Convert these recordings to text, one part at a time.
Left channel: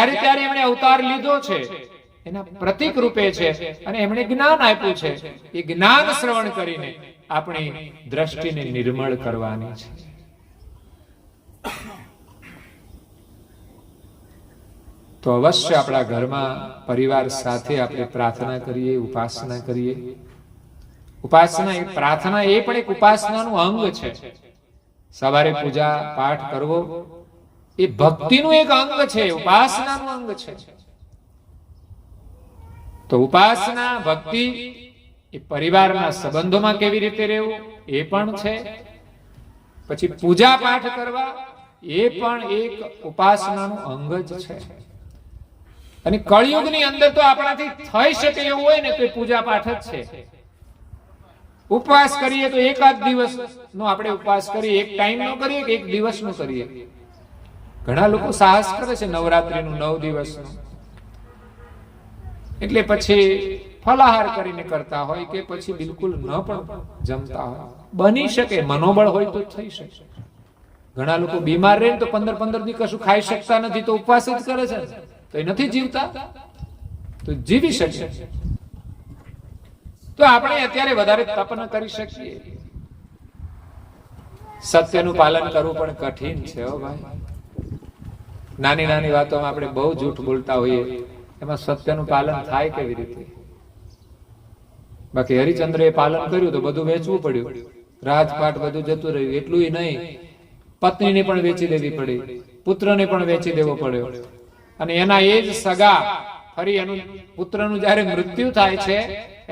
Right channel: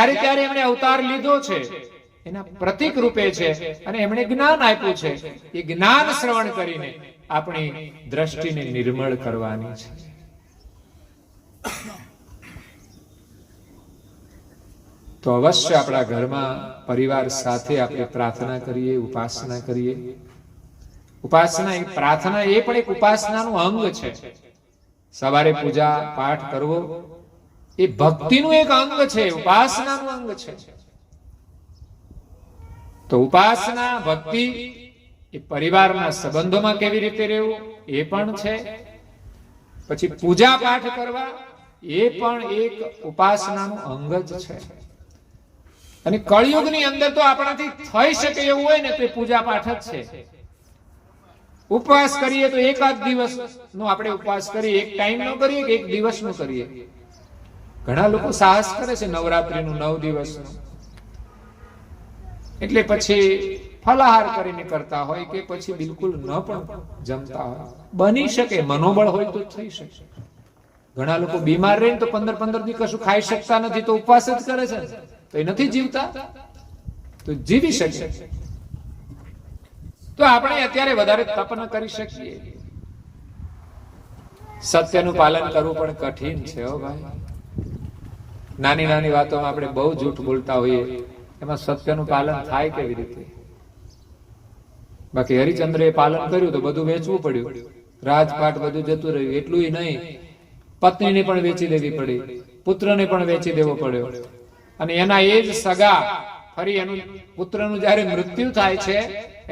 જ્યારે ત્યારે એમણે અવતાર લીધો છે એના પ્રતીક રૂપે છે અને એમણે જ્ઞાન આપ્યું છે. એ જ્ઞાન શ્રવણ કરીને આપણી દ્રષ્ટિને નિર્મળ કરવાની છે. તો અવશ્ય આપણા ઘરમાં પરિવાર સાથે આપણે પ્રાર્થના કરીએ, ઉપાસના કરીએ. ઉપાસના એ પ્રાર્થના એ પણ એક ઉપાસનાનું અંગ છે. સવારે પૂજા પાઠ કરવો એ ભક્તિનું એક અંગ છે, ઉપાસનાનું અંગ છે. તો ઉપાસના ભક્તિ એ પરિવારના સંબંધોમાં કેવી રીતે રહેવું એ પણ છે. પછી પૂજા પાઠ કરવા એ પણ એક ઉપાસનાનું અંગ જ છે. અને કળિયુગની અંદર તો આપણાથી થઈ શકે એવું હોય ને તો એ પૂજા પાઠ જ છે. ઉપવાસ કરીએ તો એકાદ દિવસ નો આપણે ઉપવાસ કરીએ, એક ટાઈમ નો કરીએ કે એક દિવસ નો કરીએ. ઘણા લોકો સાહસ કરે છે નવરાત્રીનું 9 દિવસનું, એટલે પછી ફલાહાર કરીને કરતા હોય કે પછી બિલકુલ ન પણ જમતા હોય. બની શકે, મનોબળ હોય તો થઈ શકે. ઘણા લોકો બીમાર રહે તો 15 દી કશું ખાઈ શકતા નથી તો ઉપવાસ જ કરે છે, તો એ નથી જીવતા, તો જીવી શકે. તો આપણે અત્યારે વધારે તપ ન કરી શકીએ. સત્યનું પાલન કરવું પણ કઠિન છે હો ભાઈ. નાની નાની વાતોમાં આપણે બહુ જૂઠ બોલતા હોઈએ, એમાં સત્યનું પાલન થાય કેવી રીતે? બાકી હરિચંદ્ર એ પાલન કર્યું તો બધું વેચવું પડ્યું, રાજપાટ બધું જતું રહ્યું. એટલું નહીં, પત્નીને પણ વેચી દેવી પડી, પુત્રને પણ વેચી દેવો પડ્યો. અને એના એ જ સગા ફરી એનું પુત્રનું જયારે મૃત્યુ થાય છે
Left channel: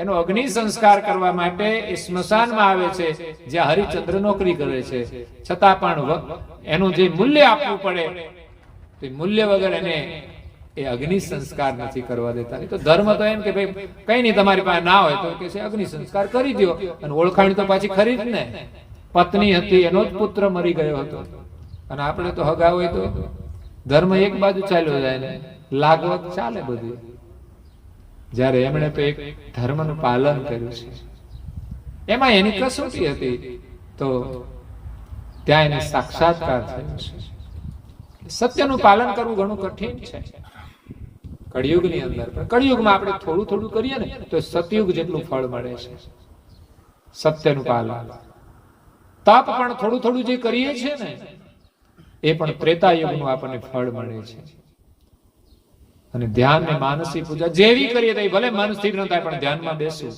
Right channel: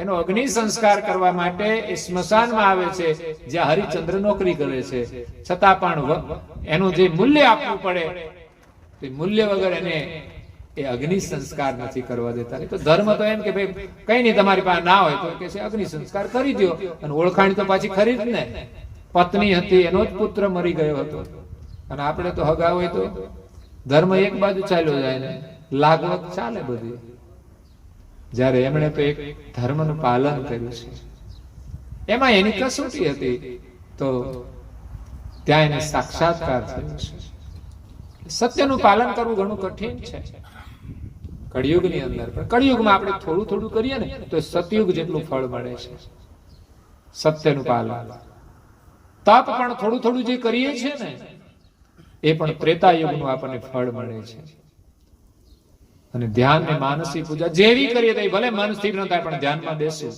એનો અગ્નિ સંસ્કાર કરવા માટે એ સ્મશાનમાં આવે છે જ્યાં હરિચંદ્ર નોકરી કરે છે. છતાં પણ એનું જે મૂલ્ય આપવું પડે તે મૂલ્ય વગર એને એ અગ્નિ સંસ્કાર નથી કરવા દેતા. તો ધર્મ તો એમ કે ભાઈ કઈ નહીં તમારી પાસે ના હોય તો કે છે અગ્નિ સંસ્કાર કરી દો. અને ઓળખાણ તો પાછી ખરી જ ને. પત્ની હતી, એનો જ પુત્ર મરી ગયો હતો. અને આપણે તો હગા હોય તો ધર્મ એક બાજુ ચાલ્યો જાય ને લાગવત ચાલે બધી. જ્યારે એમણે તો એક ધર્મનું પાલન કર્યું છે, એમાં એની કસોટી હતી, તો ત્યાં એને સાક્ષાત્કાર થયો છે. સત્યનું પાલન કરવું ઘણું કઠિન છે કળિયુગની અંદર. પણ કળિયુગમાં આપણે થોડું થોડું કરીએ ને તો સતયુગ જેટલું ફળ મળે છે. સત્યનું પાલન, તપ પણ થોડું થોડું જે કરીએ છીએ ને એ પણ ત્રેતા યુગનું આપણને ફળ મળે છે. અને ધ્યાન ને માનસી પૂજા જેવી કરીએ તો ભલે મન સ્થિર ન થાય પણ ધ્યાનમાં બેસવું,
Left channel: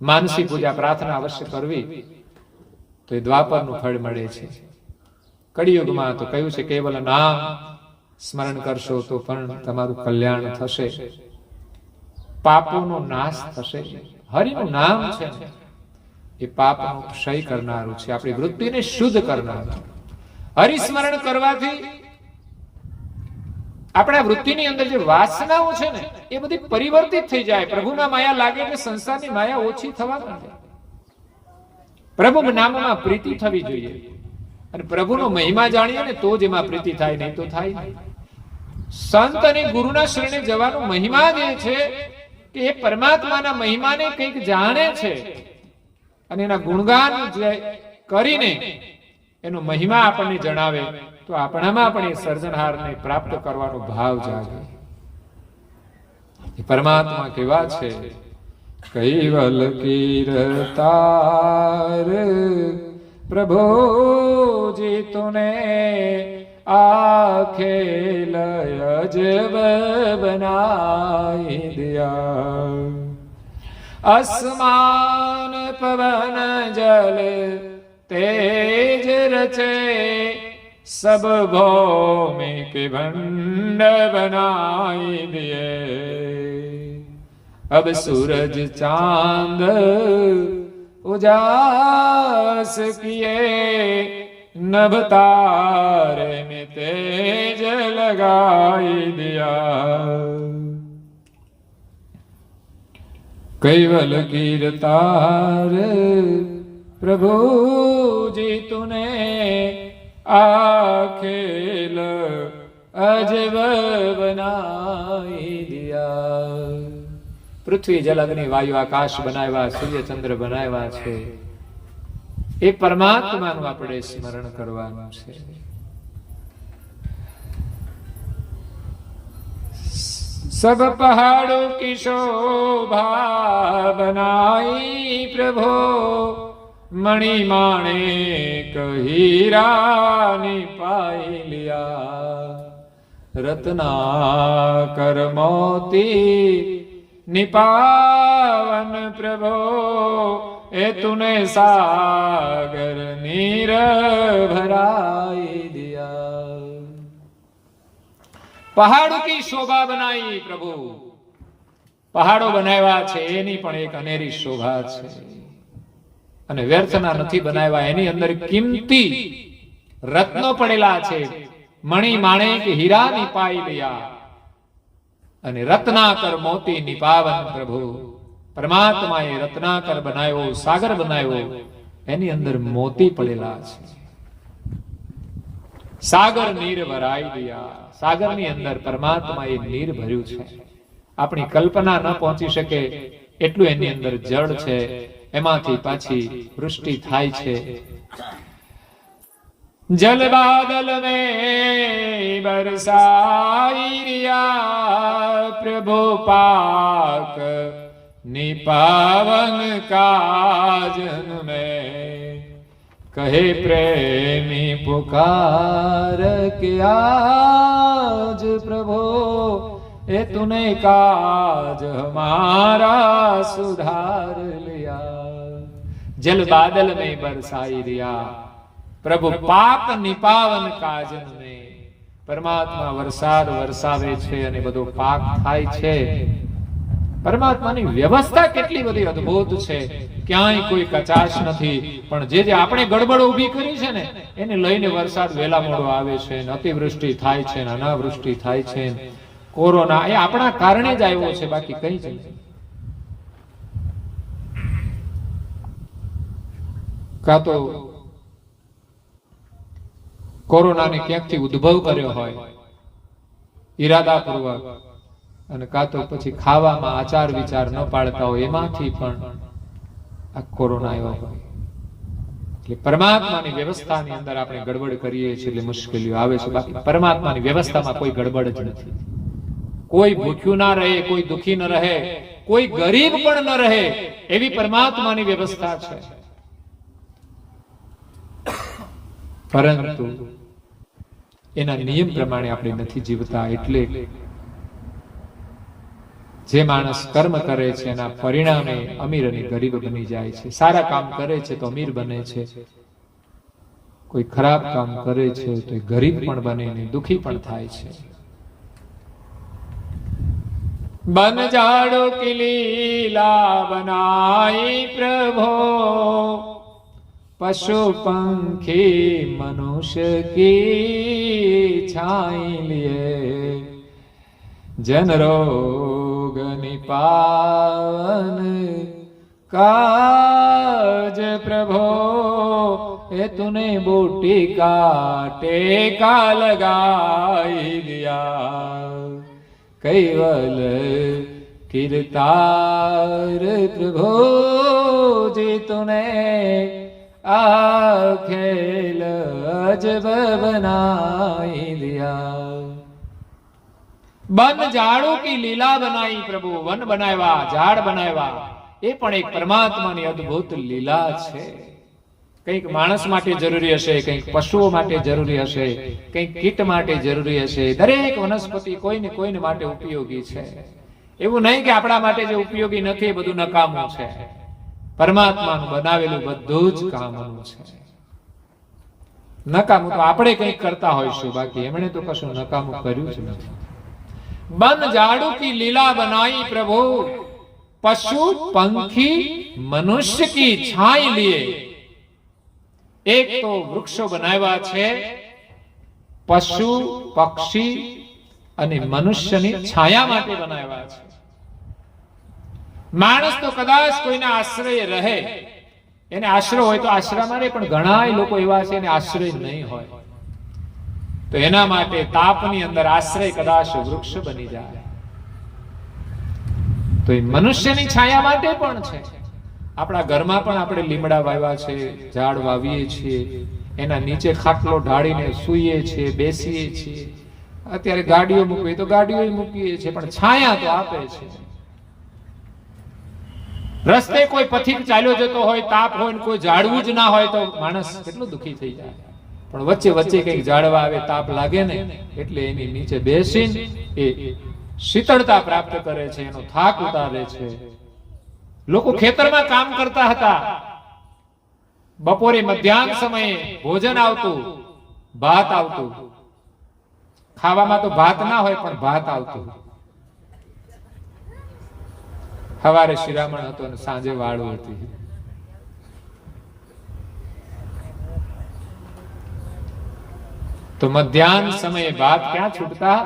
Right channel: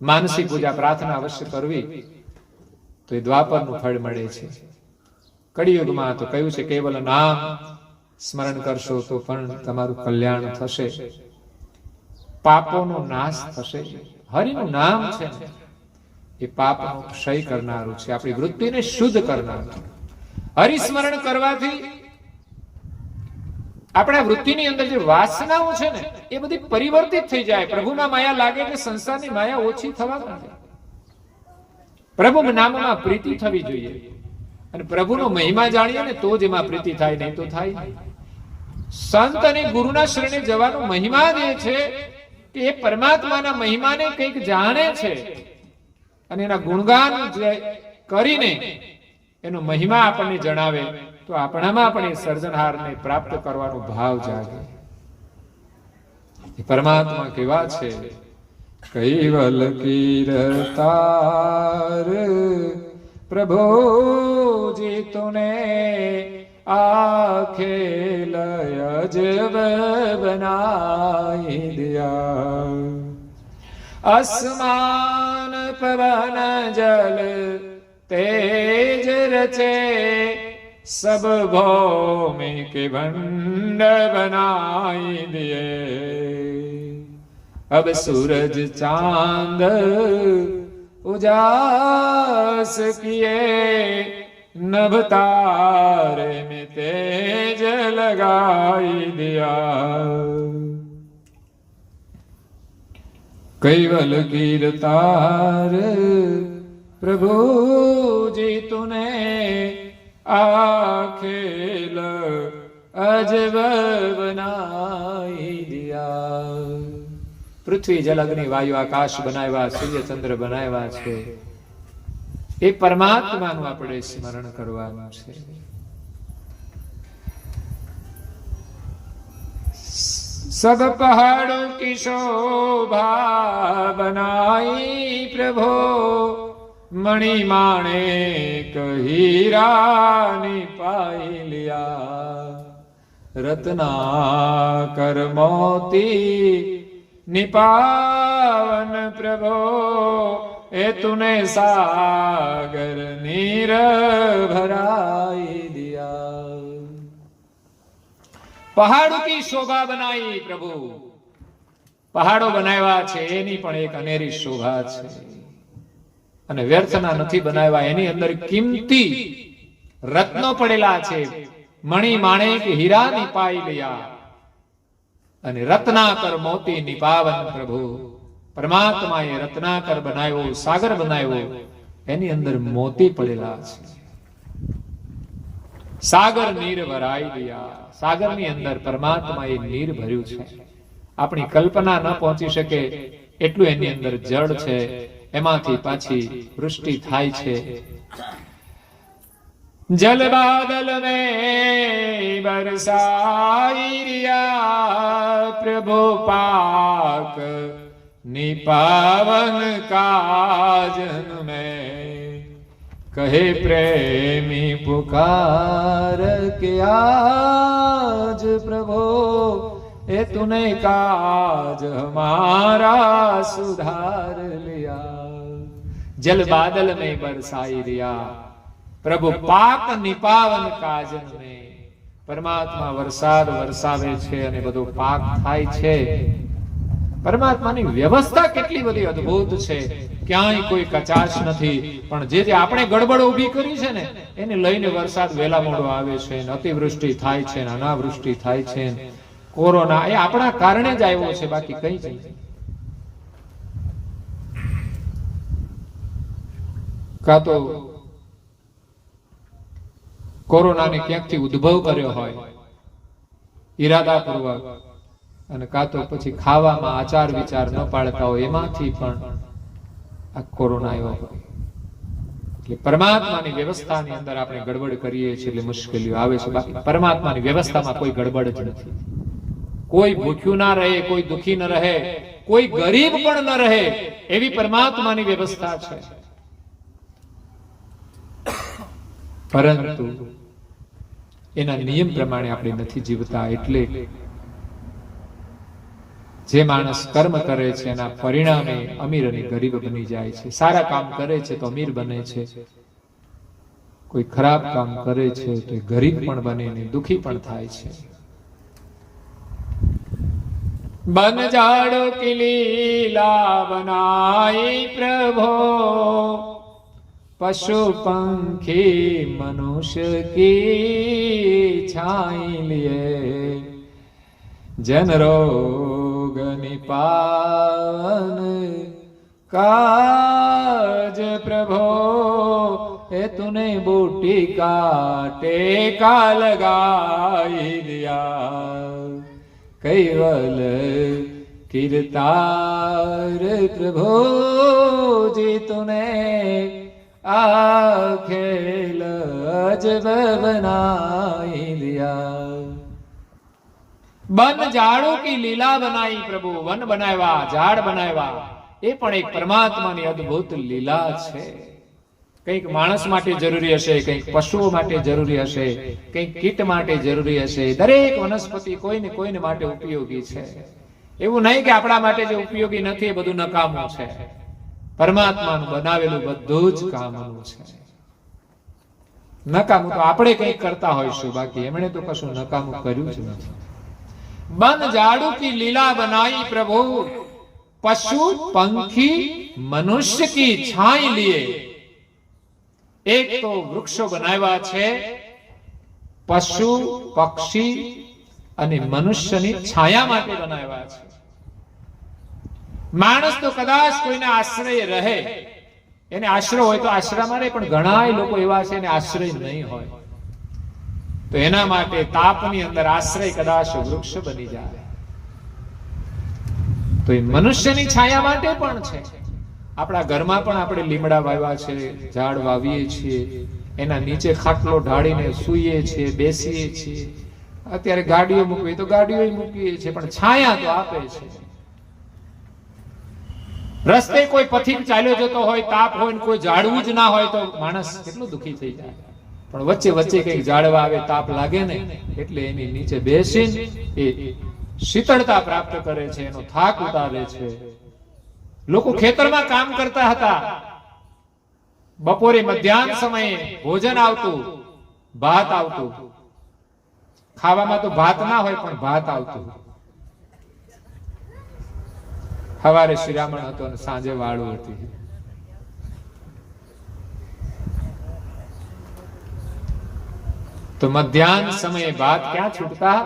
માનસી પૂજા પ્રાર્થના અવશ્ય કરવી તો એ દ્વાપરનું ફળ મળે છે. કળિયુગમાં તો કહ્યું છે કેવલ નામ સ્મરણ કરશો તો પણ તમારું કલ્યાણ થશે, પાપોનો નાશ થશે. હરિનું નામ છે ને એ પાપનો ક્ષય કરનારું છે, આપણી વૃત્તિને શુદ્ધ કરનારું. હરિસ્મરણ કરવાથી આપણા વૃત્તિની અંદર જે વાસનાઓ છે ને એ બધી પરિવર્તિત થઈ જાય. પ્રભુમાં માયા લાગે એટલે સંસારની માયા ઓછી થવા માંડે. પ્રભુ નામમાં પ્રીતિ થવી જોઈએ. અને પ્રભુનો મહિમા જાણીએ ને તો જ એમાં પ્રીતિ થાય, નહીં તો થાય નહીં. સંત અને ગુરુના શરણે જવાનો મહિમા જે છે કે એ પરમાત્માના મહિમાને કંઈક જાણે છે અને એના ગુણગાન કરીને એનો મહિમા આપણને જણાવે તો આપણામાં પણ એ સર્જનહારને પ્રાપ્ત કરવાનો ભાવ જાગે. એ પરમાત્મા કેવા છે? કૈવલ કીર્તાર પ્રભો જે તુને આખેલ અજબ બનાઈ દિયા, આસમાન પવન જલ तेज रचे सब भौमि के भंड बनाई दिए, अब सूरज चांद उजास किए, नभ तारे में तेज लगाई दिया. कैवल कीर्तार प्रभु जी तूने आखेल अजब बनाई दिया. પૃથ્વી જલ અગ્નિ વાયુ આકાશ બનાવ્યા, સૂર્ય ચંદ્ર બનાવ્યા છે. એ પરમાત્માનું આપણે સ્મરણ કરવાનું છે. सब पहाड़ों की शोभा बनाई प्रभो, मणि माणिक हीरा निपाई लिया। रत्नाकर मोती निपावन प्रभो, ए तूने सागर नीर भराई दिया। પહાડો કી શોભા બનાવી પ્રભુ, પહાડો બનાવ્યા છે એની પણ એક અનેરી શોભા છે, અને વ્યર્થના નથી બનાવ્યા, એની અંદર કિંમતી રત્નો પડેલા છે, મણિ માણેક હીરા નિપાઈ લિયા, અને રત્નાકર મોતી નિપાવન પ્રભુ, પરમાત્માએ રત્નાકર બનાવ્યો, સાગર બનાવ્યો, એની અંદર મોતી પડેલા છે, સાગર નીર ભરાઈ ગયા, સાગરની અંદર પરમાત્માએ નીર ભર્યું છે, આપણી કલ્પના ન પહોંચી શકે એટલું એની અંદર જળ છે, એમાંથી પાછી વૃષ્ટિ થાય છે। જલ બાદલ ને બરસાઈ રહ્યા પ્રભુ, પાક નિપાવન કાજન में कहे प्रेमी पुकार के आज प्रभु, ए तूने काज हमारा सुधार लिया। जल बादल में बरसाई रिया प्रभु, पाक निपावन काजन में परमात्मा वरसाद वरसावे છે અને બધો પાક થાય છે। પરમાત્માની વ્યવસ્થા કેટલી બધી અદ્ભુત છે, ક્યાંય કોઈ કચાશ નથી, પણ જે જે આપણે ગડબડ ઊભી કરી છે ને એને લઈને વરસાદ વેલા મોડો આવે છે, અતિવૃષ્ટિ થાય છે, અનાવૃષ્ટિ થાય છે, કોરોના એ આપણા કારણે જ આવ્યો છે, બાકી કઈ જ નહીં। કાં તો કોરોનાને ક્યાંકથી ઉદ્ભવ કર્યો હોય ઈરાદાપૂર્વક, અને કાં તો પછી ખાવામાં આચાર વિચાર ન પાડતા હોય એમાંથી પણ આ કોરોના આવ્યો હોય। એટલે પરમાત્માની વ્યવસ્થાની અંદર આપણે ગડબડ કરીએ છીએ એટલે મુશ્કેલીઓ આવે છે, બાકી પરમાત્માની વ્યવસ્થામાં કોઈ ગડબડ જ નથી। કોઈ ભૂખ્યું ના રહે, કોઈ દુખી ન રહે, કોઈ ગરીબ પણ ન રહે, એવી પરમાત્માની વ્યવસ્થા છે। પરંતુ એના નિયમ પ્રમાણે આપણે નથી જીવતા, એટલે જે માણસ કર્મ કરે છે એના પરિણામે અમીર અને ગરીબ બની જાય છે। સારા કામ કરે છે તો અમીર બને છે, કોઈ ખરાબ કામ કરે છે તો ગરીબ પણ બને ને દુખી પણ થાય છે। બન જાડો કી લીલા બનાઈ પ્રભો, पशु पंखी मनुष्य की छाई लिए, जन रोग निपावन काज प्रभो, ए तूने बूटी काटे का लगाई दिया। कैवल कीर्तार प्रभो जी तूने आ खेल अजब बनाई लिया। बन झाड़ों की લીલા બનાવી પ્રભુ, વન બનાવ્યા, ઝાડ બનાવ્યા, એ પણ એક પરમાત્માની અદ્ભુત લીલા છે। કંઈક માણસ માટે જરૂરી હશે, કંઈક પશુઓ માટે જરૂરી હશે, કંઈક કીટ માટે જરૂરી હશે, દરેક વનસ્પતિ કોઈને કોઈને માટે ઉપયોગી છે। એવું નહીં કે આપણા માટે જે ઉપયોગી નથી એ બધું નકામું છે। પરમાત્માનું બનાવેલું બધું જ કામનું છે। નકામું તો આપણે કંઈક કરતા હોઈશું, બાકી એમણે તો કશું નકામું કર્યું જ નથી। बन झाड़ू की लीला बनाई प्रभु, पशु पंखी मनुष्य की छाई लिए। एक तो वृक्षो बनाव्या छे, पशु पक्षी અને મનુષ્યની છાયા માટે બનાવ્યા છે। માણસ તો કદાચ કોઈના આશ્રય રહે, એને આશ્રય હોય તો આશ્રયમાં રહે, પણ ઘણા લોકો એવા છે એને આશ્રય નહીં હોય, તો એના માટે તાપની અંદર આશ્રય કદાચ વૃક્ષ બની જાય, તો એ મનુષ્યની છાયા માટે પણ છે। આપણા ઘરમાં પણ આપણે લીમડા વાવ્યા છે, ઝાડ વાવીએ છીએ, એના નીચે ખાટલો ઢાળીને સૂઈએ છીએ, બેસીએ છીએ, અત્યારે ગાડીઓ મૂકવી તો ગાડીઓ મૂકીએ છીએ, પણ છાયા તો આપે છે. રસ્તે કોઈ પથિક ચાલ્યો જતો હોય, તાપ હોય, કોઈ ઝાડવું જ ના હોય તો માણસ કેટલું દુઃખી થઈ જાય. પણ વચ્ચે વચ્ચે કઈક ઝાડવા આવે, તાપ લાગે ને એટલે એની નીચે બેસીને એ શીતળતા પ્રાપ્ત કરે છે, એનો થાક ઉતારે છે. લોકો ખેતરમાં કામ કરતા હતા, બપોરે મધ્યાહન સમયે ભોજન આવતું, ભાત આવતું. ખાવામાં તો ભાત ના હોય પણ ભાત આવતું. સવારે શિરામણ હતો અને સાંજે વાળું હતી. તો મધ્યાહન સમયે ભાત ક્યાં છૂટતા?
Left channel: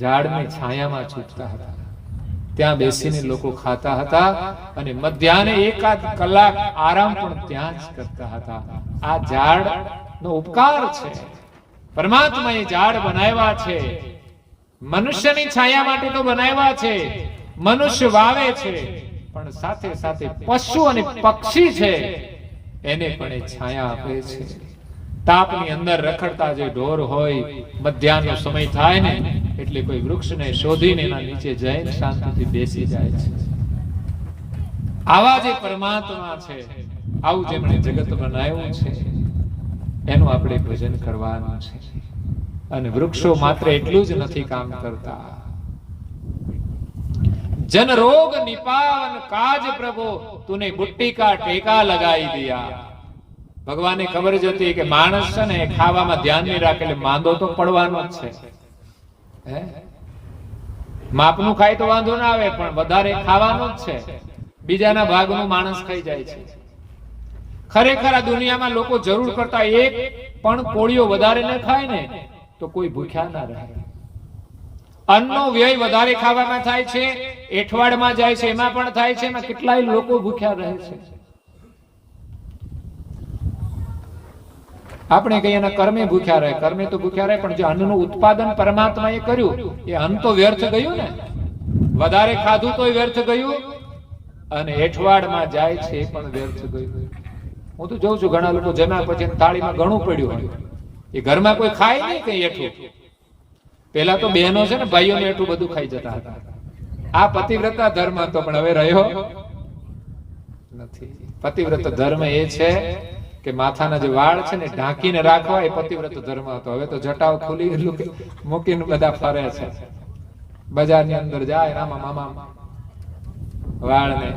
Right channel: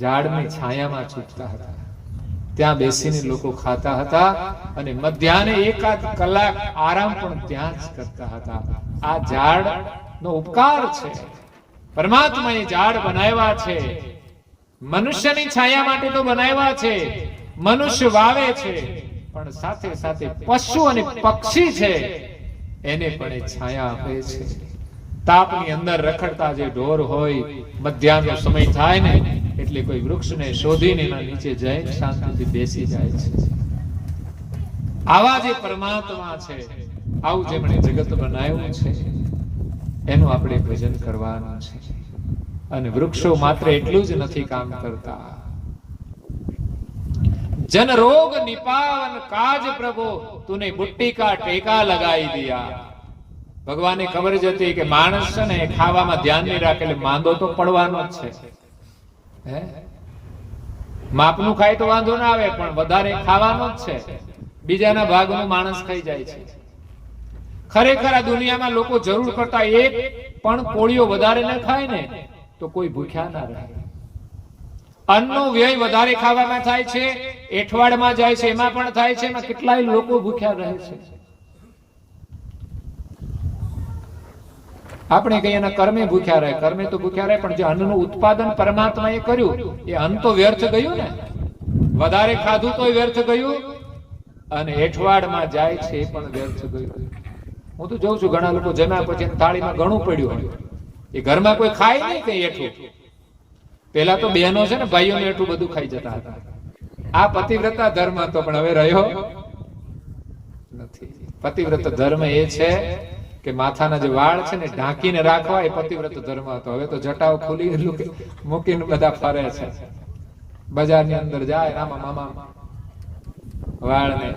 ઝાડની છાયામાં છૂટતા હતા. ત્યાં બેસીને લોકો ખાતા હતા અને મધ્યાહને એકાદ કલાક આરામ પણ ત્યાં જ કરતા હતા. આ ઝાડ નો ઉપકાર છે. પરમાત્માએ ઝાડ બનાવ્યા છે, મનુષ્યની છાયા માટે તો બનાવ્યા છે. મનુષ્ય વાવે છે, પણ સાથે સાથે પશુ અને પક્ષી છે એને પણ એ છાયા આપે છે. તાપની અંદર રખડતા જે ઢોર હોય, મધ્યાહનો સમય થાય ને એટલે કોઈ વૃક્ષને શોધીને એના નીચે જઈને શાંતિથી બેસી જાય છે. આવા જે પરમાત્મા છે, આવું જેમણે જગત બનાવ્યું છે, એનું આપણે ભજન કરવાનું છે. અને વૃક્ષો માત્ર એટલું જ નથી કામ કરતા. जन रोग निपावन काज प्रभु तूने बुट्टी का टेका लगाई दिया. ભગવાનને ખબર જ હતી કે માણસ છે ને ખાવામાં ધ્યાન નહીં રાખે એટલે માંદો તો પડવાનો જ છે. માપનું ખાય તો વાંધો ના આવે, પણ વધારે ખાવાનો જ છે. બીજાના ભાગનું માણસ ખાઈ જાય છે. ખરેખર આ દુનિયામાં લોકો જરૂર કરતા એક પણ કોળીઓ વધારે ન ખાય ને તો કોઈ ભૂખ્યા ના રહે. અન્નનો વ્યય વધારે ખાવામાં થાય છે, એઠવાડમાં જાય છે, એમાં પણ થાય છે. એમાં કેટલાય લોકો ભૂખ્યા રહે છે. આપણે કહીએ એના કર્મે ભૂખ્યા રહે, કર્મે તો ભૂખ્યા રહે, પણ જે અન્નનું ઉત્પાદન પરમાત્માએ કર્યું એ અન્ન તો વ્યર્થ ગયું ને. વધારે ખાધું તો વ્યર્થ ગયું, અને એઠવાડમાં જાય છે એ પણ વ્યર્થ ગયું. હું તો જોઉં છું ઘણા લોકો જમ્યા પછી થાળીમાં ઘણું પડ્યું હોય, એ ઘરમાં કોઈ ખાય નહીં કઈ એઠું. પેલા તો બહેનો છે ને ભાઈઓને એટલું બધું ખાઈ જતા હતા. આ પતિવ્રતા ધર્મ હતો, પણ હવે રહ્યો નથી. પતિવ્રત ધર્મ એ છે કે માથાના જે વાળ છે ને ઢાંકીને રાખવા, એ પતિવ્રત ધર્મ હતો. હવે તો જટાઓ ખુલી મૂકીને બધા ફરે છે. બજારની અંદર જાય, રામા મામા વાળ ને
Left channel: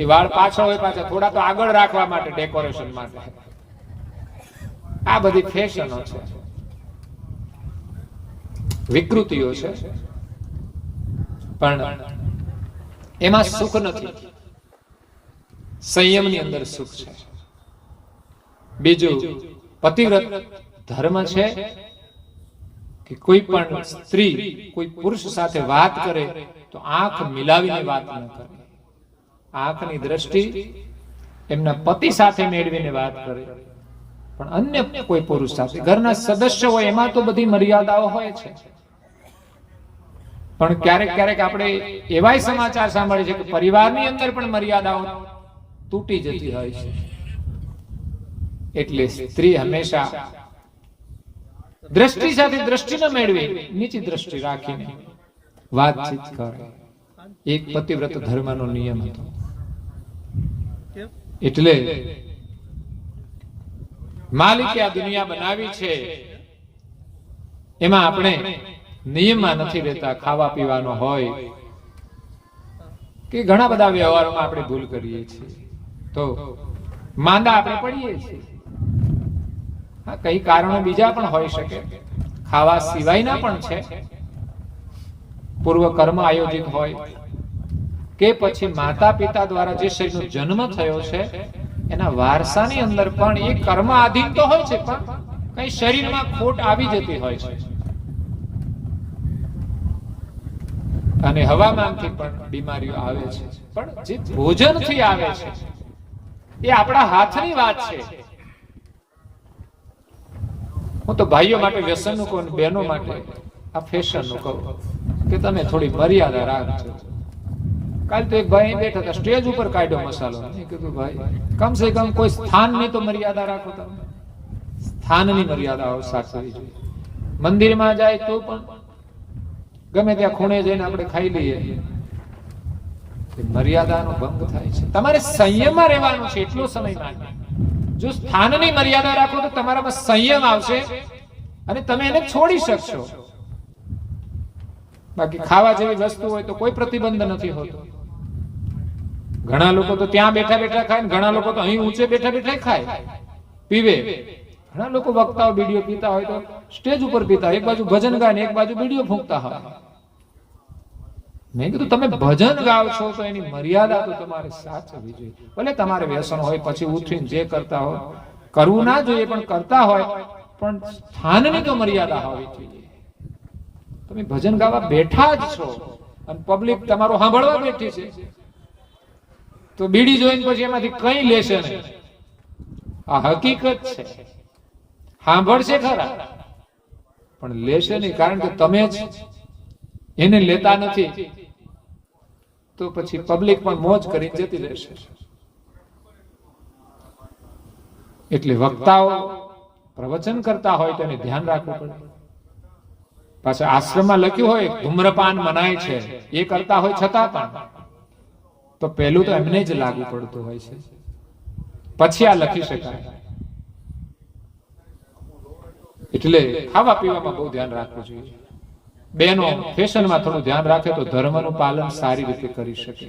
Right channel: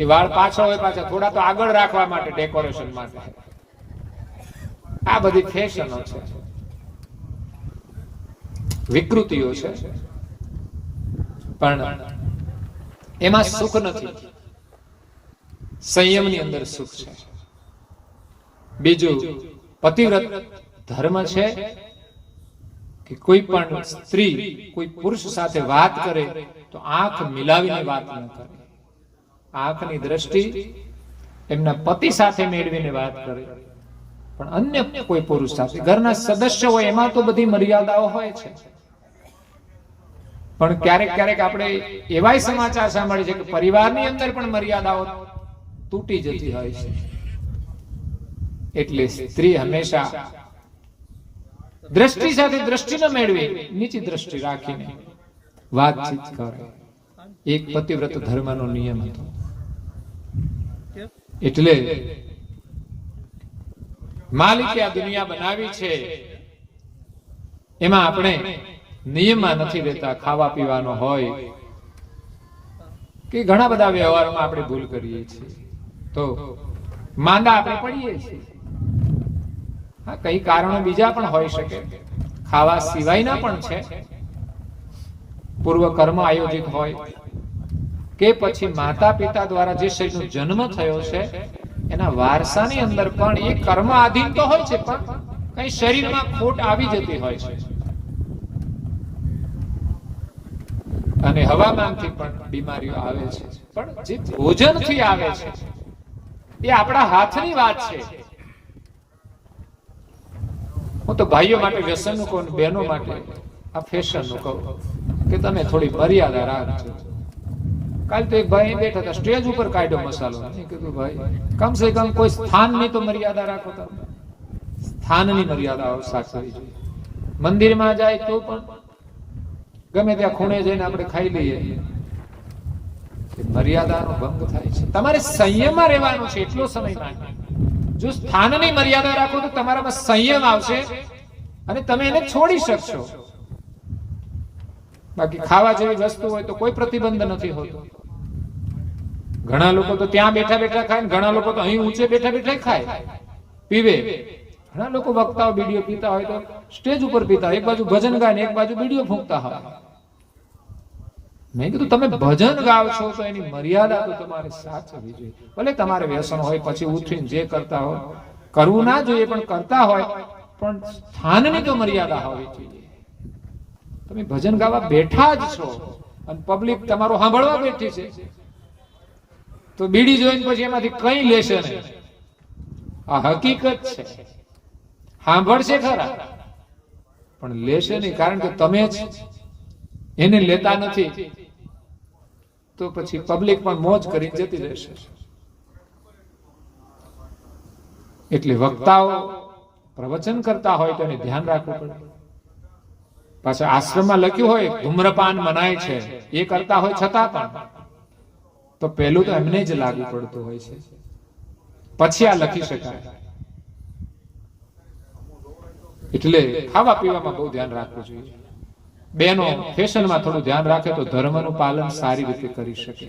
એ વાળ પાછળ હોય, પાછા થોડા તો આગળ રાખવા માટે, ડેકોરેશન માટે. આ બધી ફેશનો છે, વિકૃતિઓ છે, પણ એમાં સુખ નથી. સંયમની અંદર સુખ છે. બીજું પતિવ્રત ધર્મ છે કે કોઈ પણ સ્ત્રી કોઈ પુરુષ સાથે વાત કરે તો આંખ મિલાવીને વાત ન કરે. આંખની દ્રષ્ટિ એમના પતિ સાથે મેળવીને વાત કરે. પણ અન્ય કોઈ પુરુષ સાથે, ઘરના સદસ્ય હોય એમાં તો બધી મર્યાદાઓ હોય છે. પણ ક્યારેક ક્યારેક આપણે એવાય સમાચાર સાંભળીએ છીએ કે પરિવારની અંદર પણ મર્યાદાઓ તૂટી જતી હોય છે. એટલે સ્ત્રી હંમેશા દ્રષ્ટિ સાથે દ્રષ્ટિ ન મેળવી, નીચી દ્રષ્ટિ રાખીને વાતચીત કરે. એક પતિવ્રત ધર્મનો નિયમ હતો. એટલે માલિકે આ દુનિયા બનાવી છે, એમાં આપણે નિયમમાં નથી રહેતા. ખાવા પીવાનો હોય કે ઘણા બધા વ્યવહારમાં આપણે ભૂલ કરીએ છીએ, તો માંદા આપણે પડીએ છીએ. હા, કઈ કારણો બીજા પણ હોઈ શકે, ખાવા સિવાયના પણ છે. પૂર્વ કર્મ આયોજિત હોય કે પછી માતા પિતા દ્વારા જે શરીરનો જન્મ થયો છે એના વારસાની અંદર પણ એ કર્મ આધીન તો હોય છે, પણ કઈ શરીરમાં ખોટ આવી જતી હોય છે. અને હવામાનથી પણ બીમારીઓ આવે છે, પણ જે ભોજનથી આવે છે એ આપણા હાથની વાત છે. હું તો ભાઈઓ માટે વ્યસનનું કહું, બહેનો માટે આ ફેશનનું કહું કે તમે થોડી મર્યાદા રાખજો. કાલ તો એક ભાઈ બેઠા હતા, સ્ટેજ ઉપર કાઢ્યો મસાલો. મેં કીધું ભાઈ, કમસે કમ કોઈ સ્થાનની તો મર્યાદા રાખો. તમે સ્થાનની મર્યાદાઓ સાચવવી જોઈએ. મંદિરમાં જાય તો પણ ગમે ત્યાં ખૂણે જઈને આપણે ખાઈ લઈએ, મર્યાદાનો ભંગ થાય છે. તમારે સંયમમાં રહેવાનું છે, એટલો સમય માટે. જો સ્થાનની મર્યાદા રાખો તો તમારામાં સંયમ આવશે અને તમે એને છોડી શકશો. બાકી ખાવા જેવી વસ્તુ હોય તો કોઈ પ્રતિબંધ નથી હોતો. ઘણા લોકો તો ત્યાં બેઠા બેઠા ખાય ને ઘણા લોકો તો અહીં ઊંચે બેઠા બેઠા ખાય પીવે. ઘણા લોકો વક્તાઓ બીડીઓ પીતા હોય તો સ્ટેજ ઉપર પીતા હોય, એક બાજુ ભજન ગાય ને એક બાજુ બીડીઓ ફૂંકતા હોય. મેં કીધું તમે ભજન ગાવ છો તો એની મર્યાદા તો તમારે સાચવવી જોઈએ. ભલે તમારે વ્યસન હોય પછી ઉઠીને જે કરતા હોય કરવું ના જોઈએ, પણ કરતા હોય પણ સ્થાનની તો મર્યાદા હોવી જોઈએ. તમે ભજન ગાવા બેઠા જ છો અને પબ્લિક તમારો સાંભળવા બેઠી છે તો બીડી જોઈને પછી એમાંથી કઈ લેશે નહીં. આ હકીકત છે. સાંભળશે ખરા પણ લેશે નહીં, કારણ કે તમે જ એને લેતા નથી. તો પછી પબ્લિક પણ મોજ કરી જતી રહેશે. એટલે વક્તાઓ પ્રવચન કરતા હોય તો એને ધ્યાન રાખવું પડે. પાછા આશ્રમમાં લખ્યું હોય ધૂમ્રપાન મનાય છે, એ કરતા હોય છતાં પણ તો પહેલું તો એમને જ લાગુ પડતું હોય છે, પછી આ લખી શકાય. એટલે ખાવા પીવામાં બહુ ધ્યાન રાખવું જોઈએ. બેનો ફેશનમાં થોડું ધ્યાન રાખે તો ધર્મનું પાલન સારી રીતે કરી શકે.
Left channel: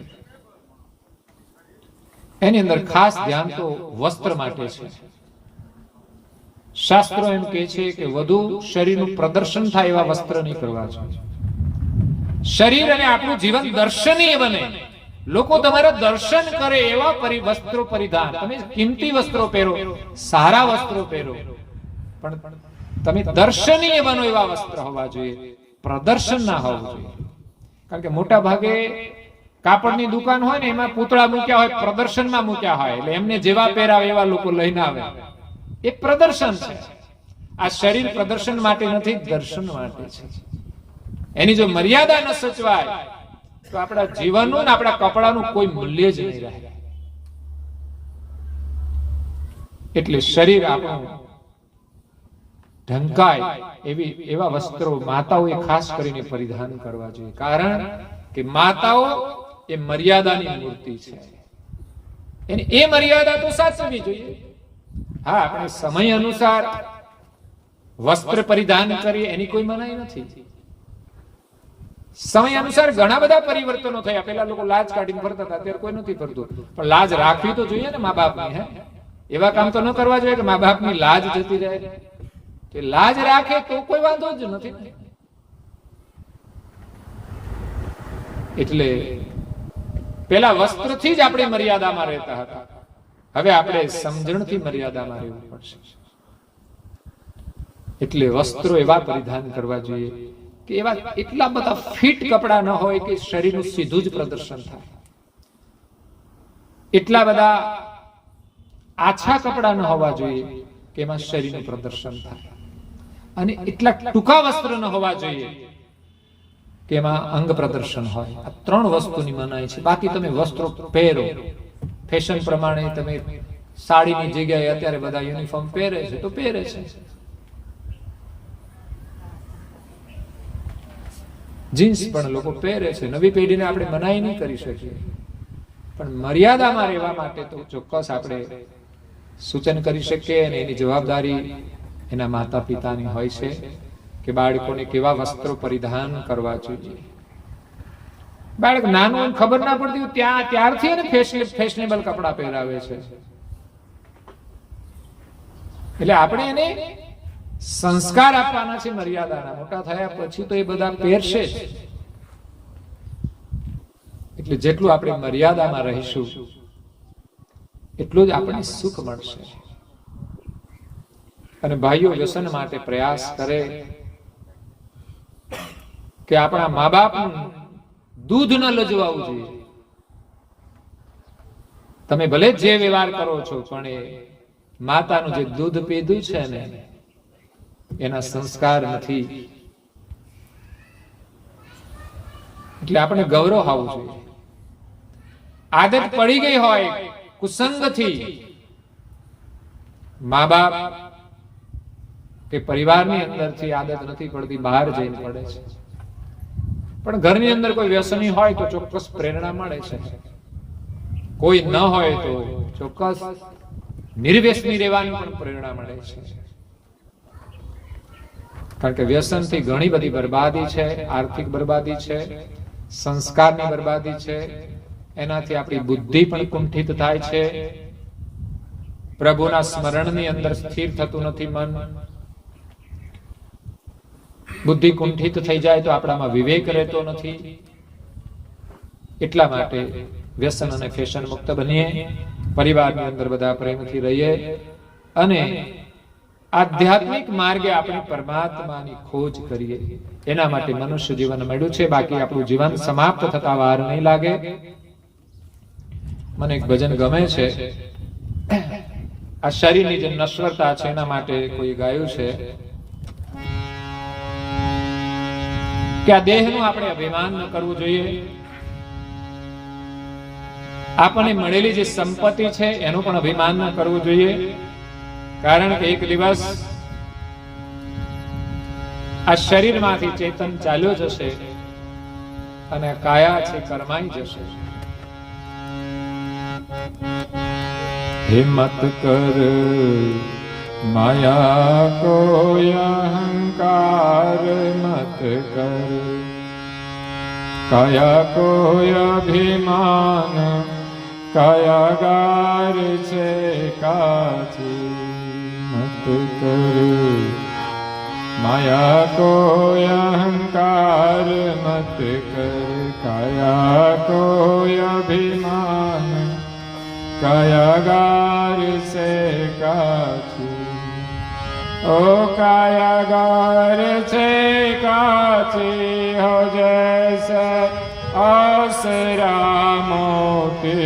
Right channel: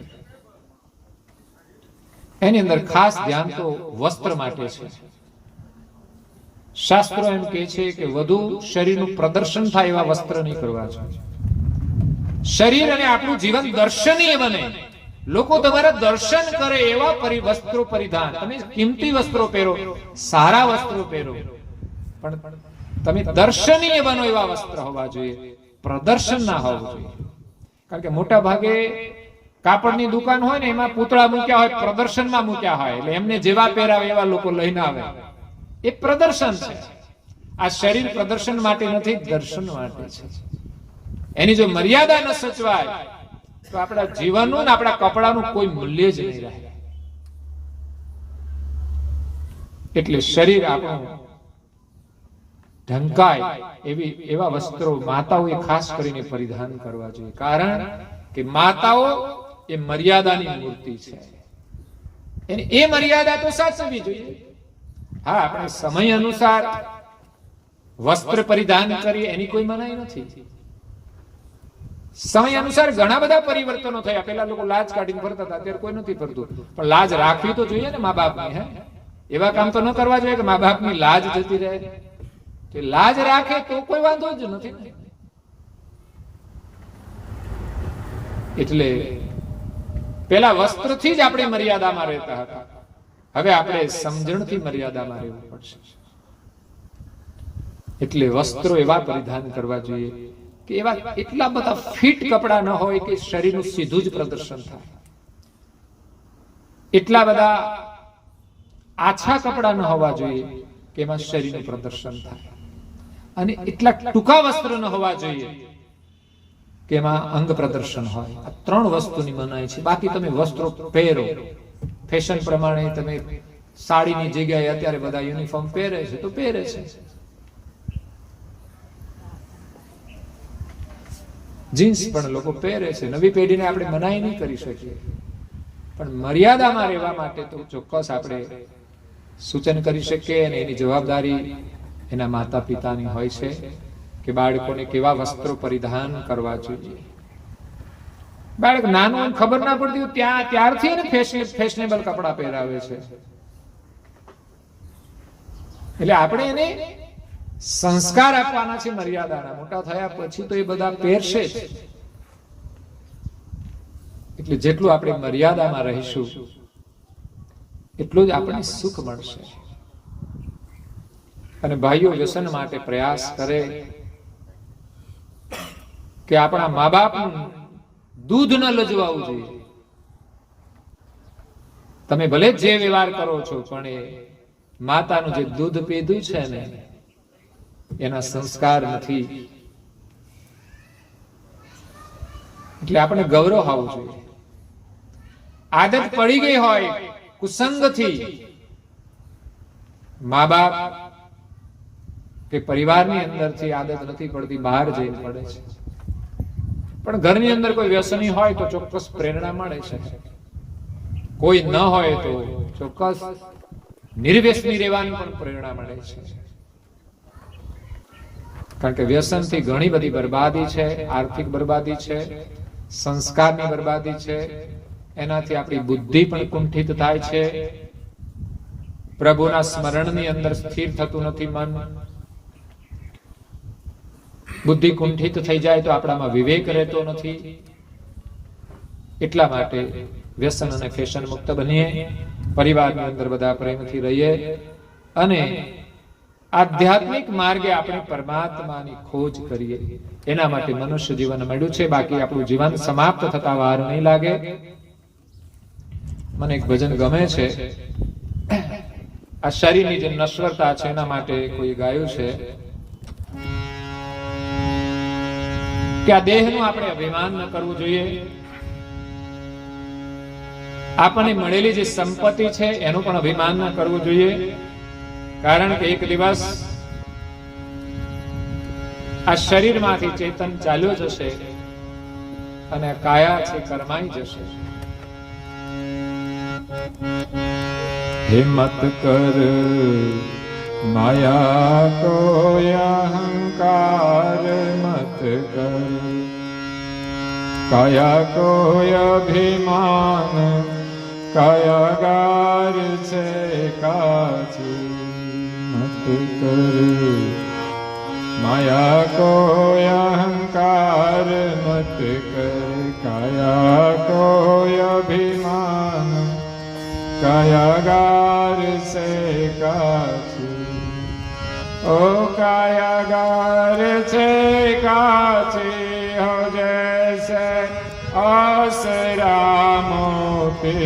એની અંદર ખાસ ધ્યાન તો વસ્ત્ર માટે છે. શાસ્ત્રો એમ કહે છે કે વધુ શરીરનું પ્રદર્શન થાય એવા વસ્ત્ર નહીં કરવા જોઈએ. શરીર અને આપણું જીવન દર્શનીય બને, લોકો તમારા દર્શન કરે એવા વસ્ત્રો પરિધાન. તમે કિંમતી વસ્ત્રો પહેરો, સારા વસ્ત્રો પહેરો, પણ તમે દર્શનીય બનો એવા વસ્ત્ર હોવા જોઈએ, પ્રદર્શન ના હોવું જોઈએ. કારણ કે મોટા ભાગે કાપડની દુકાન હોય ને એમાં પૂતળા મૂક્યા હોય, પ્રદર્શનમાં મૂક્યા હોય, એટલે એમને જેવા પહેરાવે એવા લોકો લઈને આવે. એ પ્રદર્શન છે. આ શરીર પ્રદર્શન માટે નથી, દર્શન માટે છે. એની જો મર્યાદા ન સચવાય તો આપણા જીવનનું ને આપણા કપડાનું કોઈ મૂલ્ય જ નહીં રહે. એટલે શરીર આપણું ઢંકાય એવા વસ્ત્રો માતાઓએ ખાસ કરીને પરિધાન કરવા જોઈએ. કારણ કે માતાઓ એ મર્યાદાની મૂર્તિ છે. એની એ મર્યાદા તો સાચવવી જોઈએ. હા, આપણે સમય અનુસાર વસ્ત્ર પરિધાન કરીએ એની કોઈ મનાઈ નથી. સમય અનુસાર ઘણા બધા પરિવર્તનો થયા. પેલા લોકો લાજ કાઢીને ફરતા હતા, અત્યારે કોઈ નથી ફરતું. પણ લાજ રાખવી તો જોઈએ ને મા બાપની. હે, એવા કામ તો ન કરવા જોઈએ કે મા બાપની લાજ જતી રહે. કે લાજ રાખે તો કોઈ વાંધો જ નથી. એટલે પેલા વસ્ત્રથી જ આપણે મર્યાદામાં રહેતા હતા. હવે આપણે સમજણથી મર્યાદામાં રહેવું પડશે. એટલે વસ્ત્રો એવા પરિધાન કરવા જોઈએ કે એવા એટલા બધા ફિટ કપડા ન હોય કે શરીરનું સીધું જ પ્રદર્શન થાય. એટલા બધા આછા કપડા ન હોવા જોઈએ કે એમાં શરીરનું પ્રદર્શન થાય. અને એટલા ટૂંકા વસ્ત્ર ન હોવા જોઈએ કે એમાં અંગ પ્રદર્શન હોય. આ ત્રણ વસ્તુની મનાઈ છે. બાકી તમે વસ્ત્રો પહેરો, ફેશન પ્રમાણે તમે સાડીની જગ્યાએ અત્યારે બધા યુનિફોર્મ પહેરે છે તો પહેરે છે. જીન્સ પણ લોકો પહેરે છે. નવી પેઢીને આપણે મનાઈ નહીં કરી શકીએ, પણ મર્યાદામાં રહેવા માટે તો ચોક્કસ આપણે સૂચન કરી શકીએ. અને એની જવાબદારી એના માતા પિતાની હોય છે કે બાળકોને કેવા વસ્ત્રો પરિધાન કરવા જોઈએ. બાળક નાનું એમ ખબર ના પડતી ત્યારથી એને ફેશનેબલ કપડા પહેરાવે છે. એટલે આપણે એને સંસ્કાર આપવાના છે મર્યાદાના. મોટા થયા પછી તો એ બધા પહેરશે જ. એટલે જેટલું આપણે મર્યાદામાં રહીશું એટલું જ આપણને સુખ મળશે. અને ભાઈઓ વ્યસન માટે પ્રયાસ કરે કે આપણા મા બાપનું દૂધ ન લજવાવું જોઈએ. તમે ભલે જે વ્યવહાર કરો છો પણ એ માતાનું જે દૂધ પીધું છે ને એના સંસ્કાર નથી. એટલે આપણે ગૌરવ હોવું જોઈએ. આદત પડી ગઈ હોય કુસંગથી, મા બાપ કે પરિવારની અંદરથી આદત નથી પડતી, બહાર જઈને પડે છે. પણ ઘરની અંદર કોઈ વ્યસની હોય તો ચોક્કસ પ્રેરણા મળે છે, કોઈ ન હોય તો ચોક્કસ નિર્વ્યસની રહેવાની પણ પ્રેરણા મળે છે. કારણ કે વ્યસનથી ઘણી બધી બરબાદી છે, આર્થિક બરબાદી છે, સંસ્કારની બરબાદી છે, એનાથી આપણી બુદ્ધિ પણ કુંઠિત થાય છે, પ્રભુના સ્મરણની અંદર સ્થિર થતું નથી મન, બુદ્ધિ કુંઠિત થઈ જાય તો આપણામાં વિવેક રહેતો નથી. એટલા માટે વ્યસન અને ફેશન મુક્ત બનીએ, પરિવારની અંદર બધા પ્રેમથી રહીએ અને આધ્યાત્મિક માર્ગે આપણે પરમાત્માની ખોજ કરીએ. એના માટે મનુષ્ય જીવન મળ્યું છે, બાકી આપણું જીવન સમાપ્ત થતા વાર નહીં લાગે. મને એક ભજન ગમે છે, આ શરીરની જે નશ્વરતા છે એના માટે કોઈ ગાયું છે કે આ દેહનું આપણે અભિમાન ન કરવું જોઈએ, આપણને મળેલી જે સંપત્તિ છે એનું પણ અભિમાન ન કરવું જોઈએ. કારણ કે એક દિવસ આ શરીરમાંથી ચેતન ચાલ્યો જશે અને કાયા છે કરમાઈ જશે. હિંમત કર માયા કોઈ અહંકાર મત કર, કાયા કોઈ અભિમાન કાયાગાર છે કાચી મત કર, માયા કોઈ અહંકાર મત કર, કાયા કોઈ અભિમાન કાયાગાર છે કાચી. ઓ કાયાગાર છે કાચી હો જૈસે आसरा मोती,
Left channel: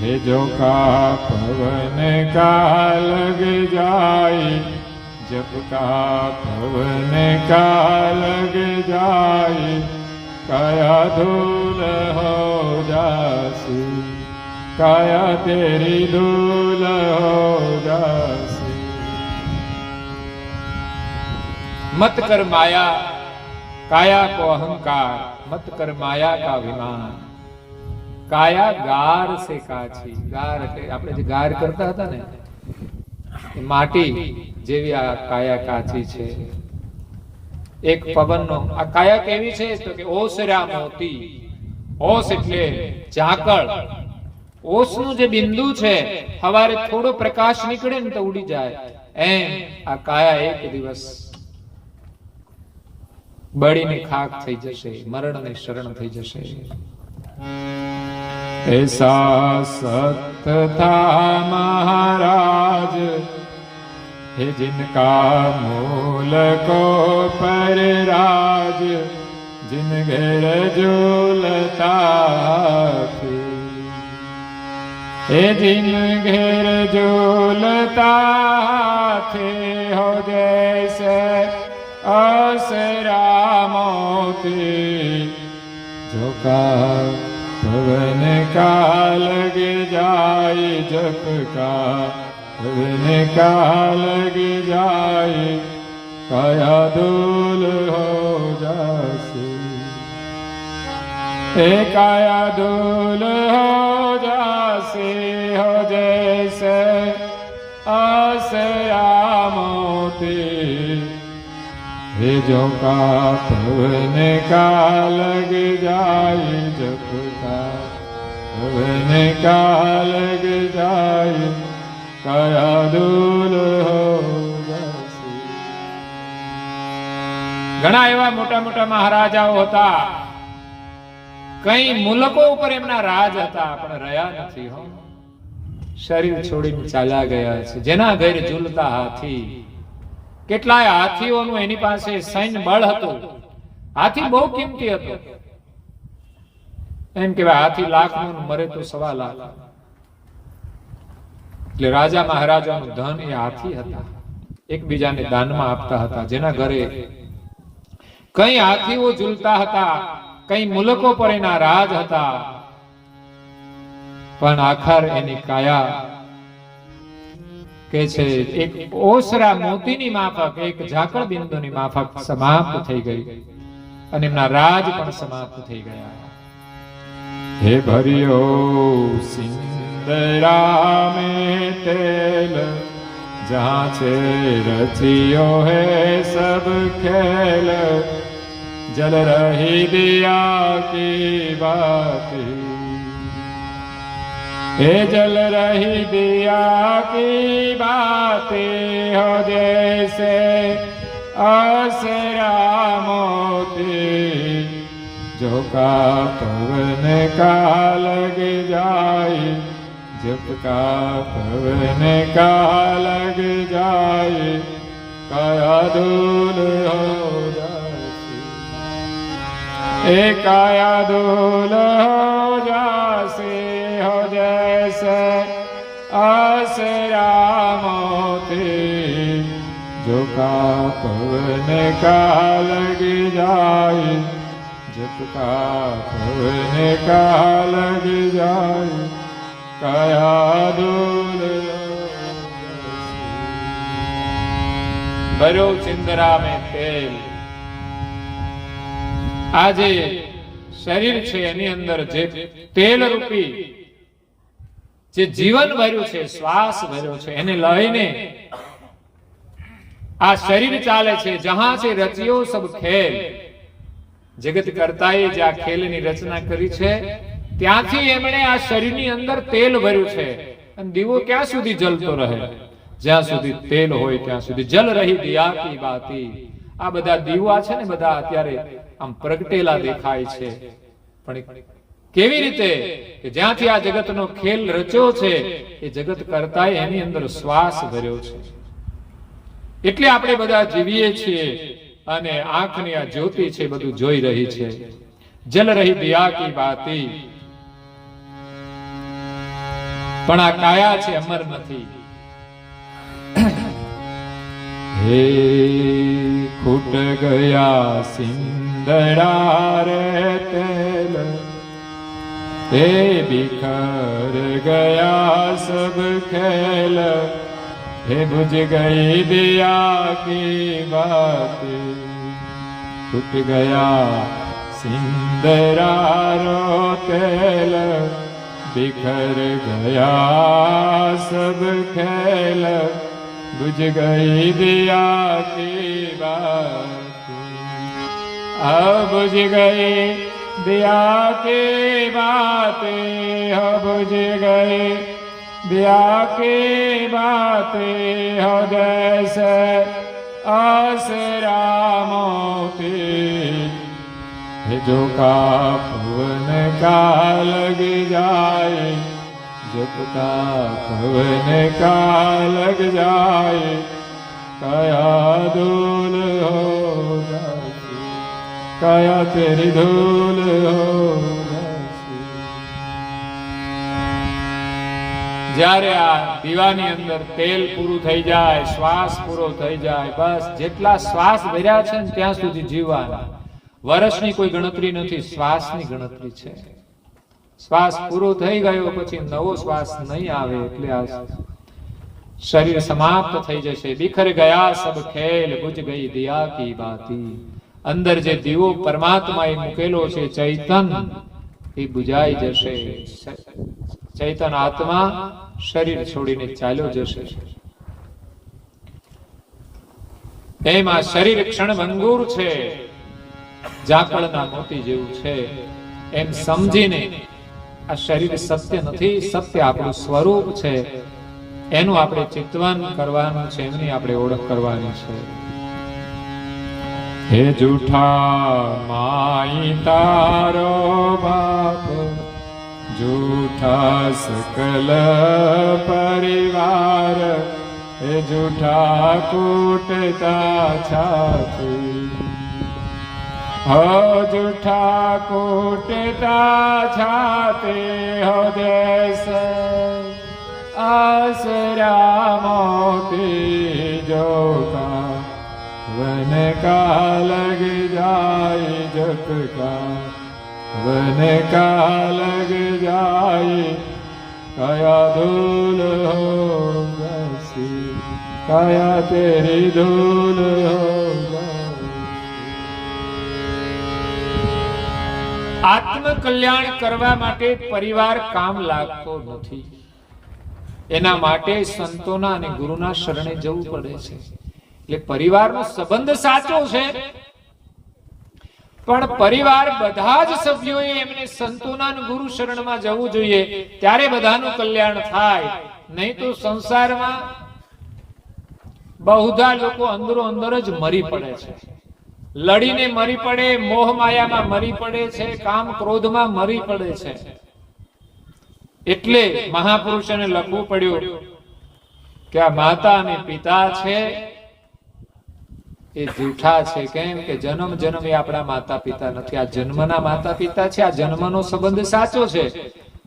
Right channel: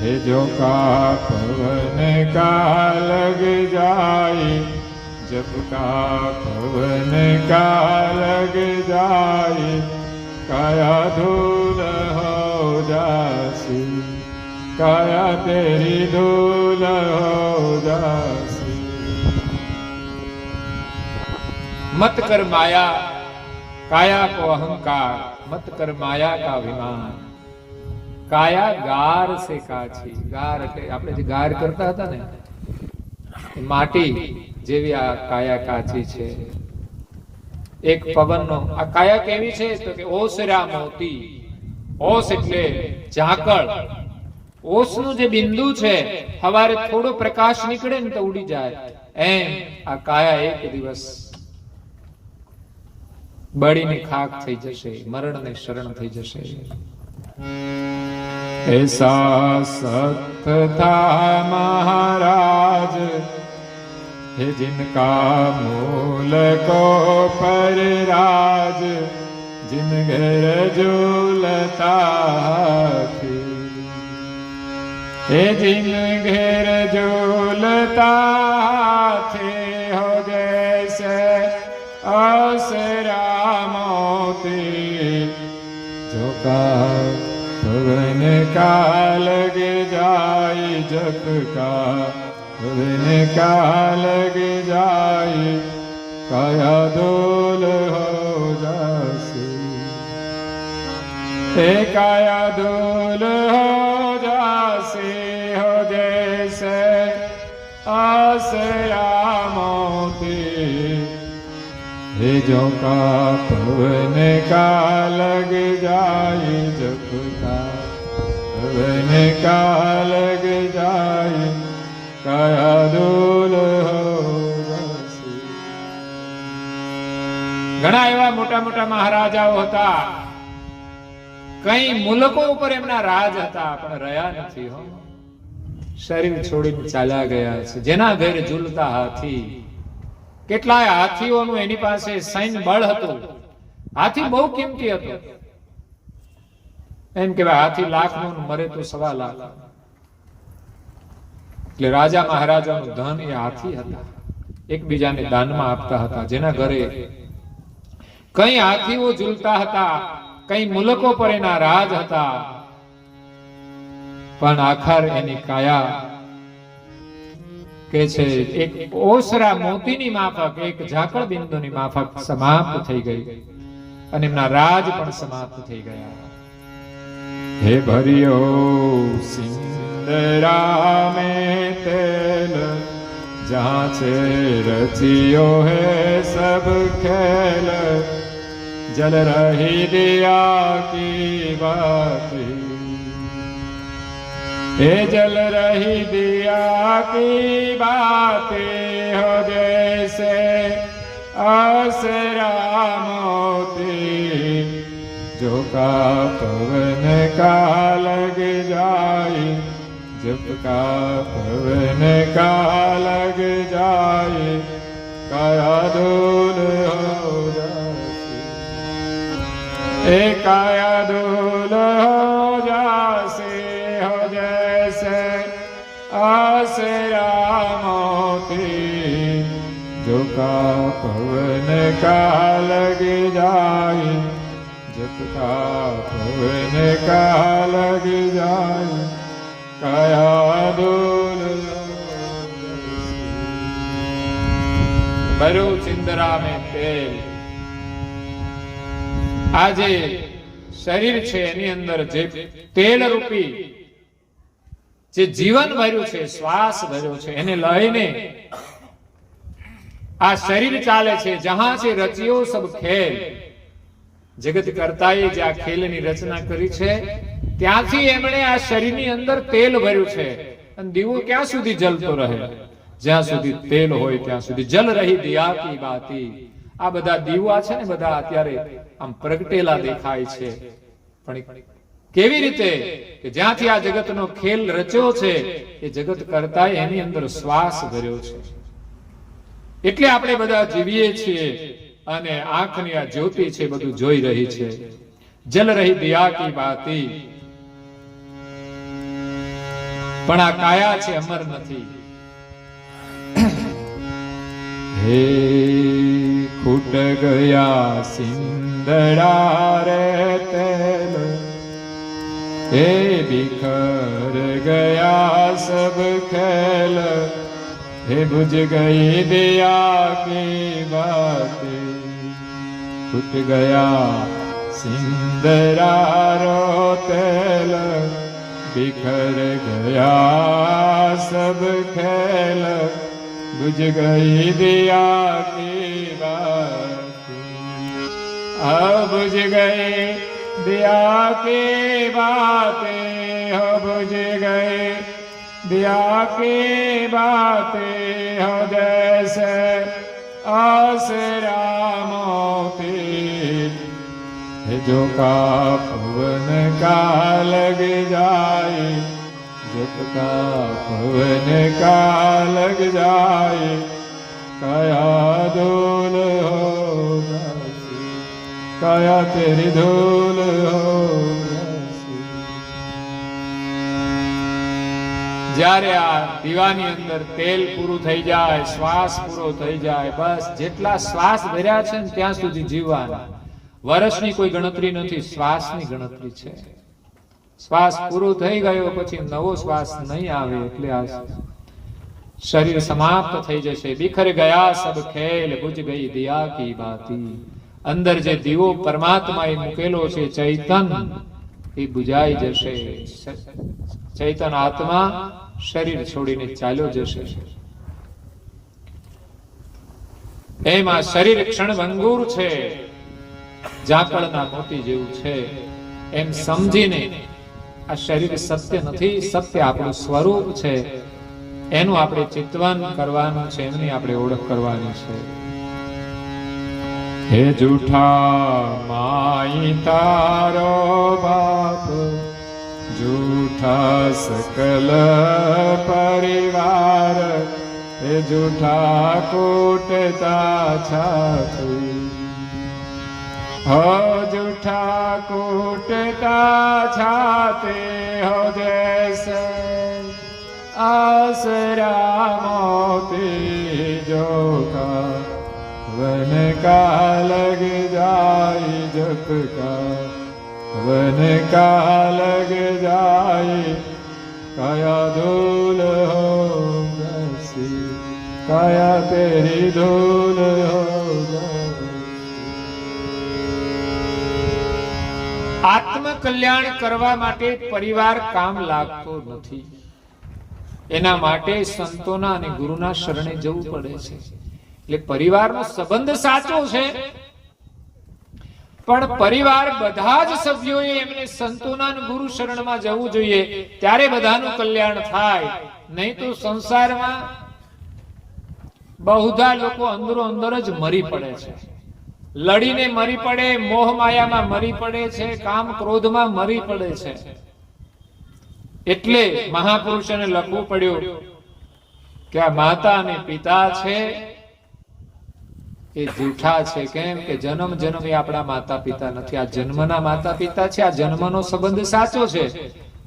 हे जो का पवन का लग जाए, जब का पवन का लग जाए, काया धूल हो जासी, काया तेरी धूल हो जासी. मत कर माया काया को अहंकार, मत कर माया का अभिमान, काया गार से काची. ગાર એટલે આપણે જે ગાર કરતા હતા ને, માટી જેવી આ કાયા કાચી છે. એક પવનનો આ કાયા કેવી છે તો કે ઓસરા મોતી, ઓસ એટલે ઝાકળ, ઓસનું જે બિંદુ છે સવારે થોડો પ્રકાશ નીકળે ને તો ઉડી જાય, એમ આ કાયા એક દિવસ બળીને ખાક થઈ જશે, મરણને શરણ થઈ જશે. ऐसा सत था महाराज है जिनका मूल को परिराज, जिन घर झूलता थे, हे जिन घर झूलता थे, हो जैसे आसरा मोती, जो का पवन का लग जाए, जप का पवन का लग जाए, काया धूल हो जासे, हे काया धूल हो जासे, हो जैसे आसरा मोती, हे जो का पवन का लग जाए, जप का पवन का लग जाए, काया धूल हो जासे. ઘણા એવા મોટા મોટા મહારાજાઓ હતા, કઈ મુલકો ઉપર એમના રાજ હતા, પણ રહ્યા નથી હો. શરીર છોડીને ચાલ્યા ગયા છે. જેના ઘરે ઝૂલતા હાથી, કેટલાય હાથીઓનું એની પાસે સૈન્ય બળ હતું. હાથી બહુ કિંમતી હતો. એમ કે હાથી લાખનું મરે તો 1.25 લાખ. એટલે રાજા મહારાજાનું ધન એ હાથી હતા, એકબીજાને દાનમાં આપતા હતા. જેના ઘરે કઈ હાથીઓ ઝૂલતા હતા, કઈ મુલકો પર એના રાજ હતા, પણ આખર એની કાયા કે છે એક ઓસરા મોતીની માફક, એક ઝાકળ બિંદુની માફક સમાપ્ત થઈ ગઈ અને એમના રાજ પણ સમાપ્ત થઈ ગયા. હે ભર્યો સિંદરા में तेल, जहाँ से रचियो है सब खेल, जल रही दिया की बाती, हे जल रही दिया की बातें हो जैसे आसरा मोती, जो का पवन का लग जाए, जब का पवन का लग जाए, काया धूल हो जाती, काया धूल हो जासे, हो जैसे आसरा मोती, जो का पवन का लग जाए, जब का पवन का लग जाए, काया धूल. भरो चिंदरा में तेल. આજે શરીર છે એની અંદર જે તેલ રૂપી જે જીવન ભર્યું છે, શ્વાસ ભર્યો છે, એને લઈને આ શરીર ચાલે છે. જહાં છે રચ્યો સબ ખેલ, જગત કરતાએ જે આ ખેલની રચના કરી છે ત્યાંથી એમણે આ શરીરની અંદર તેલ ભર્યું છે. અને દીવો ક્યાં સુધી જલતો રહે? જ્યાં સુધી તેલ હોય ત્યાં સુધી. જલ રહી દિયા કી બાતી. આ બધા દીવા છે ને બધા અત્યારે આમ પ્રગટેલા દેખાય છે, પણ કેવી રીતે કે જ્યાંથી આ જગતનો ખેલ રચ્યો છે એ જગત કરતાય એની અંદર શ્વાસ ભર્યો છે. એટલે આપણે બધા જીવીએ છીએ અને આંખની આ જ્યોતિ છે બધું જોઈ રહી છે. જલ રહી દિયા કી બાતી. પણ આ કાયા છે અમર નથી. હે ફૂટ ગયા સિંદડા રે તેલ, હે બિખર ગયા સબ ખેલ, હે बुझ गई दिया की बातें, टूट गया सिंदरा रो तेल, बिखर गया सब खेल, बुझ गई दिया की बातें, बुझ गई दिया की बातें, हो बुझ गई दिया की बातें, हो जैसे आसरा मोती, जो का पवन का लग जाए, जब का पवन का लग जाए, काया धूल हो जाती, काया तेरी धूल हो जाती. જ્યારે આ દીવાની અંદર તેલ પૂરું થઈ જાય, શ્વાસ પૂરો થઈ જાય, બસ જેટલા શ્વાસ ભર્યા છે ને ત્યાં સુધી જીવવાના. વર્ષની કોઈ ગણતરી નથી, શ્વાસની ગણતરી છે. શ્વાસ પૂરો થઈ ગયો પછી નવો શ્વાસ નહીં આવે એટલે આ શરીર સમાપ્ત થઈ જશે. બિખર ગયા સબ ખેલ, બુझ ગઈ દિયા કી બાતી. અંદર જે દીવો પરમાત્માએ મૂકેલો છે ચૈતન, એ બુજાઈ જશે. ચૈતન આત્મા શરીર છોડીને ચાલ્યો જશે. એમાં શરીર ક્ષણભંગુર છે, ઝાકળના મોતી જેવું છે એમ સમજીને આ શરીર સત્ય નથી, સત્ય આપણું સ્વરૂપ છે. એનું આપણે ચિંતન કરવાનું છે, એની આપણે ઓળખ કરવાની છે. હે જૂઠા માઈ તારો બાપ, જૂઠા સકલ પરિવાર, હે જૂઠા કૂટતા છાતી, हो जूठा कूटता छाते, हो जैसे आसरा मोती, जो का वन का लग जाए, जब का वन का लग जाए, काया धूल हो जैसी. माया तेरी धूल हो जाए। આત્મ કલ્યાણ કરવા માટે પરિવાર કામ લાગતો નથી. એના માટે સંતોના અને ગુરુના શરણે જવું પડે છે. એટલે પરિવારનો સંબંધ સાચો છે, પણ પરિવાર બધા જ સભ્યોએ એમને સંતોના અને ગુરુ શરણમાં જવું જોઈએ, ત્યારે બધાનું કલ્યાણ થાય. નહીં તો સંસારમાં બહુધા લોકો અંદરો અંદર જ મરી પડે છે. લડીને મરી પડે, મોહ માયામાં મરી પડે છે, કામ ક્રોધમાં મરી પડે છે. એટલે મહાપુરુષોને લખવું પડ્યું કે આ માતા અને પિતા છે એ જૂઠા છે. કેમ કે જન્મ જન્મ એ આપણા માતા પિતા નથી. આ જન્મના માતા પિતા છે. આ જન્મનો સંબંધ સાચો છે,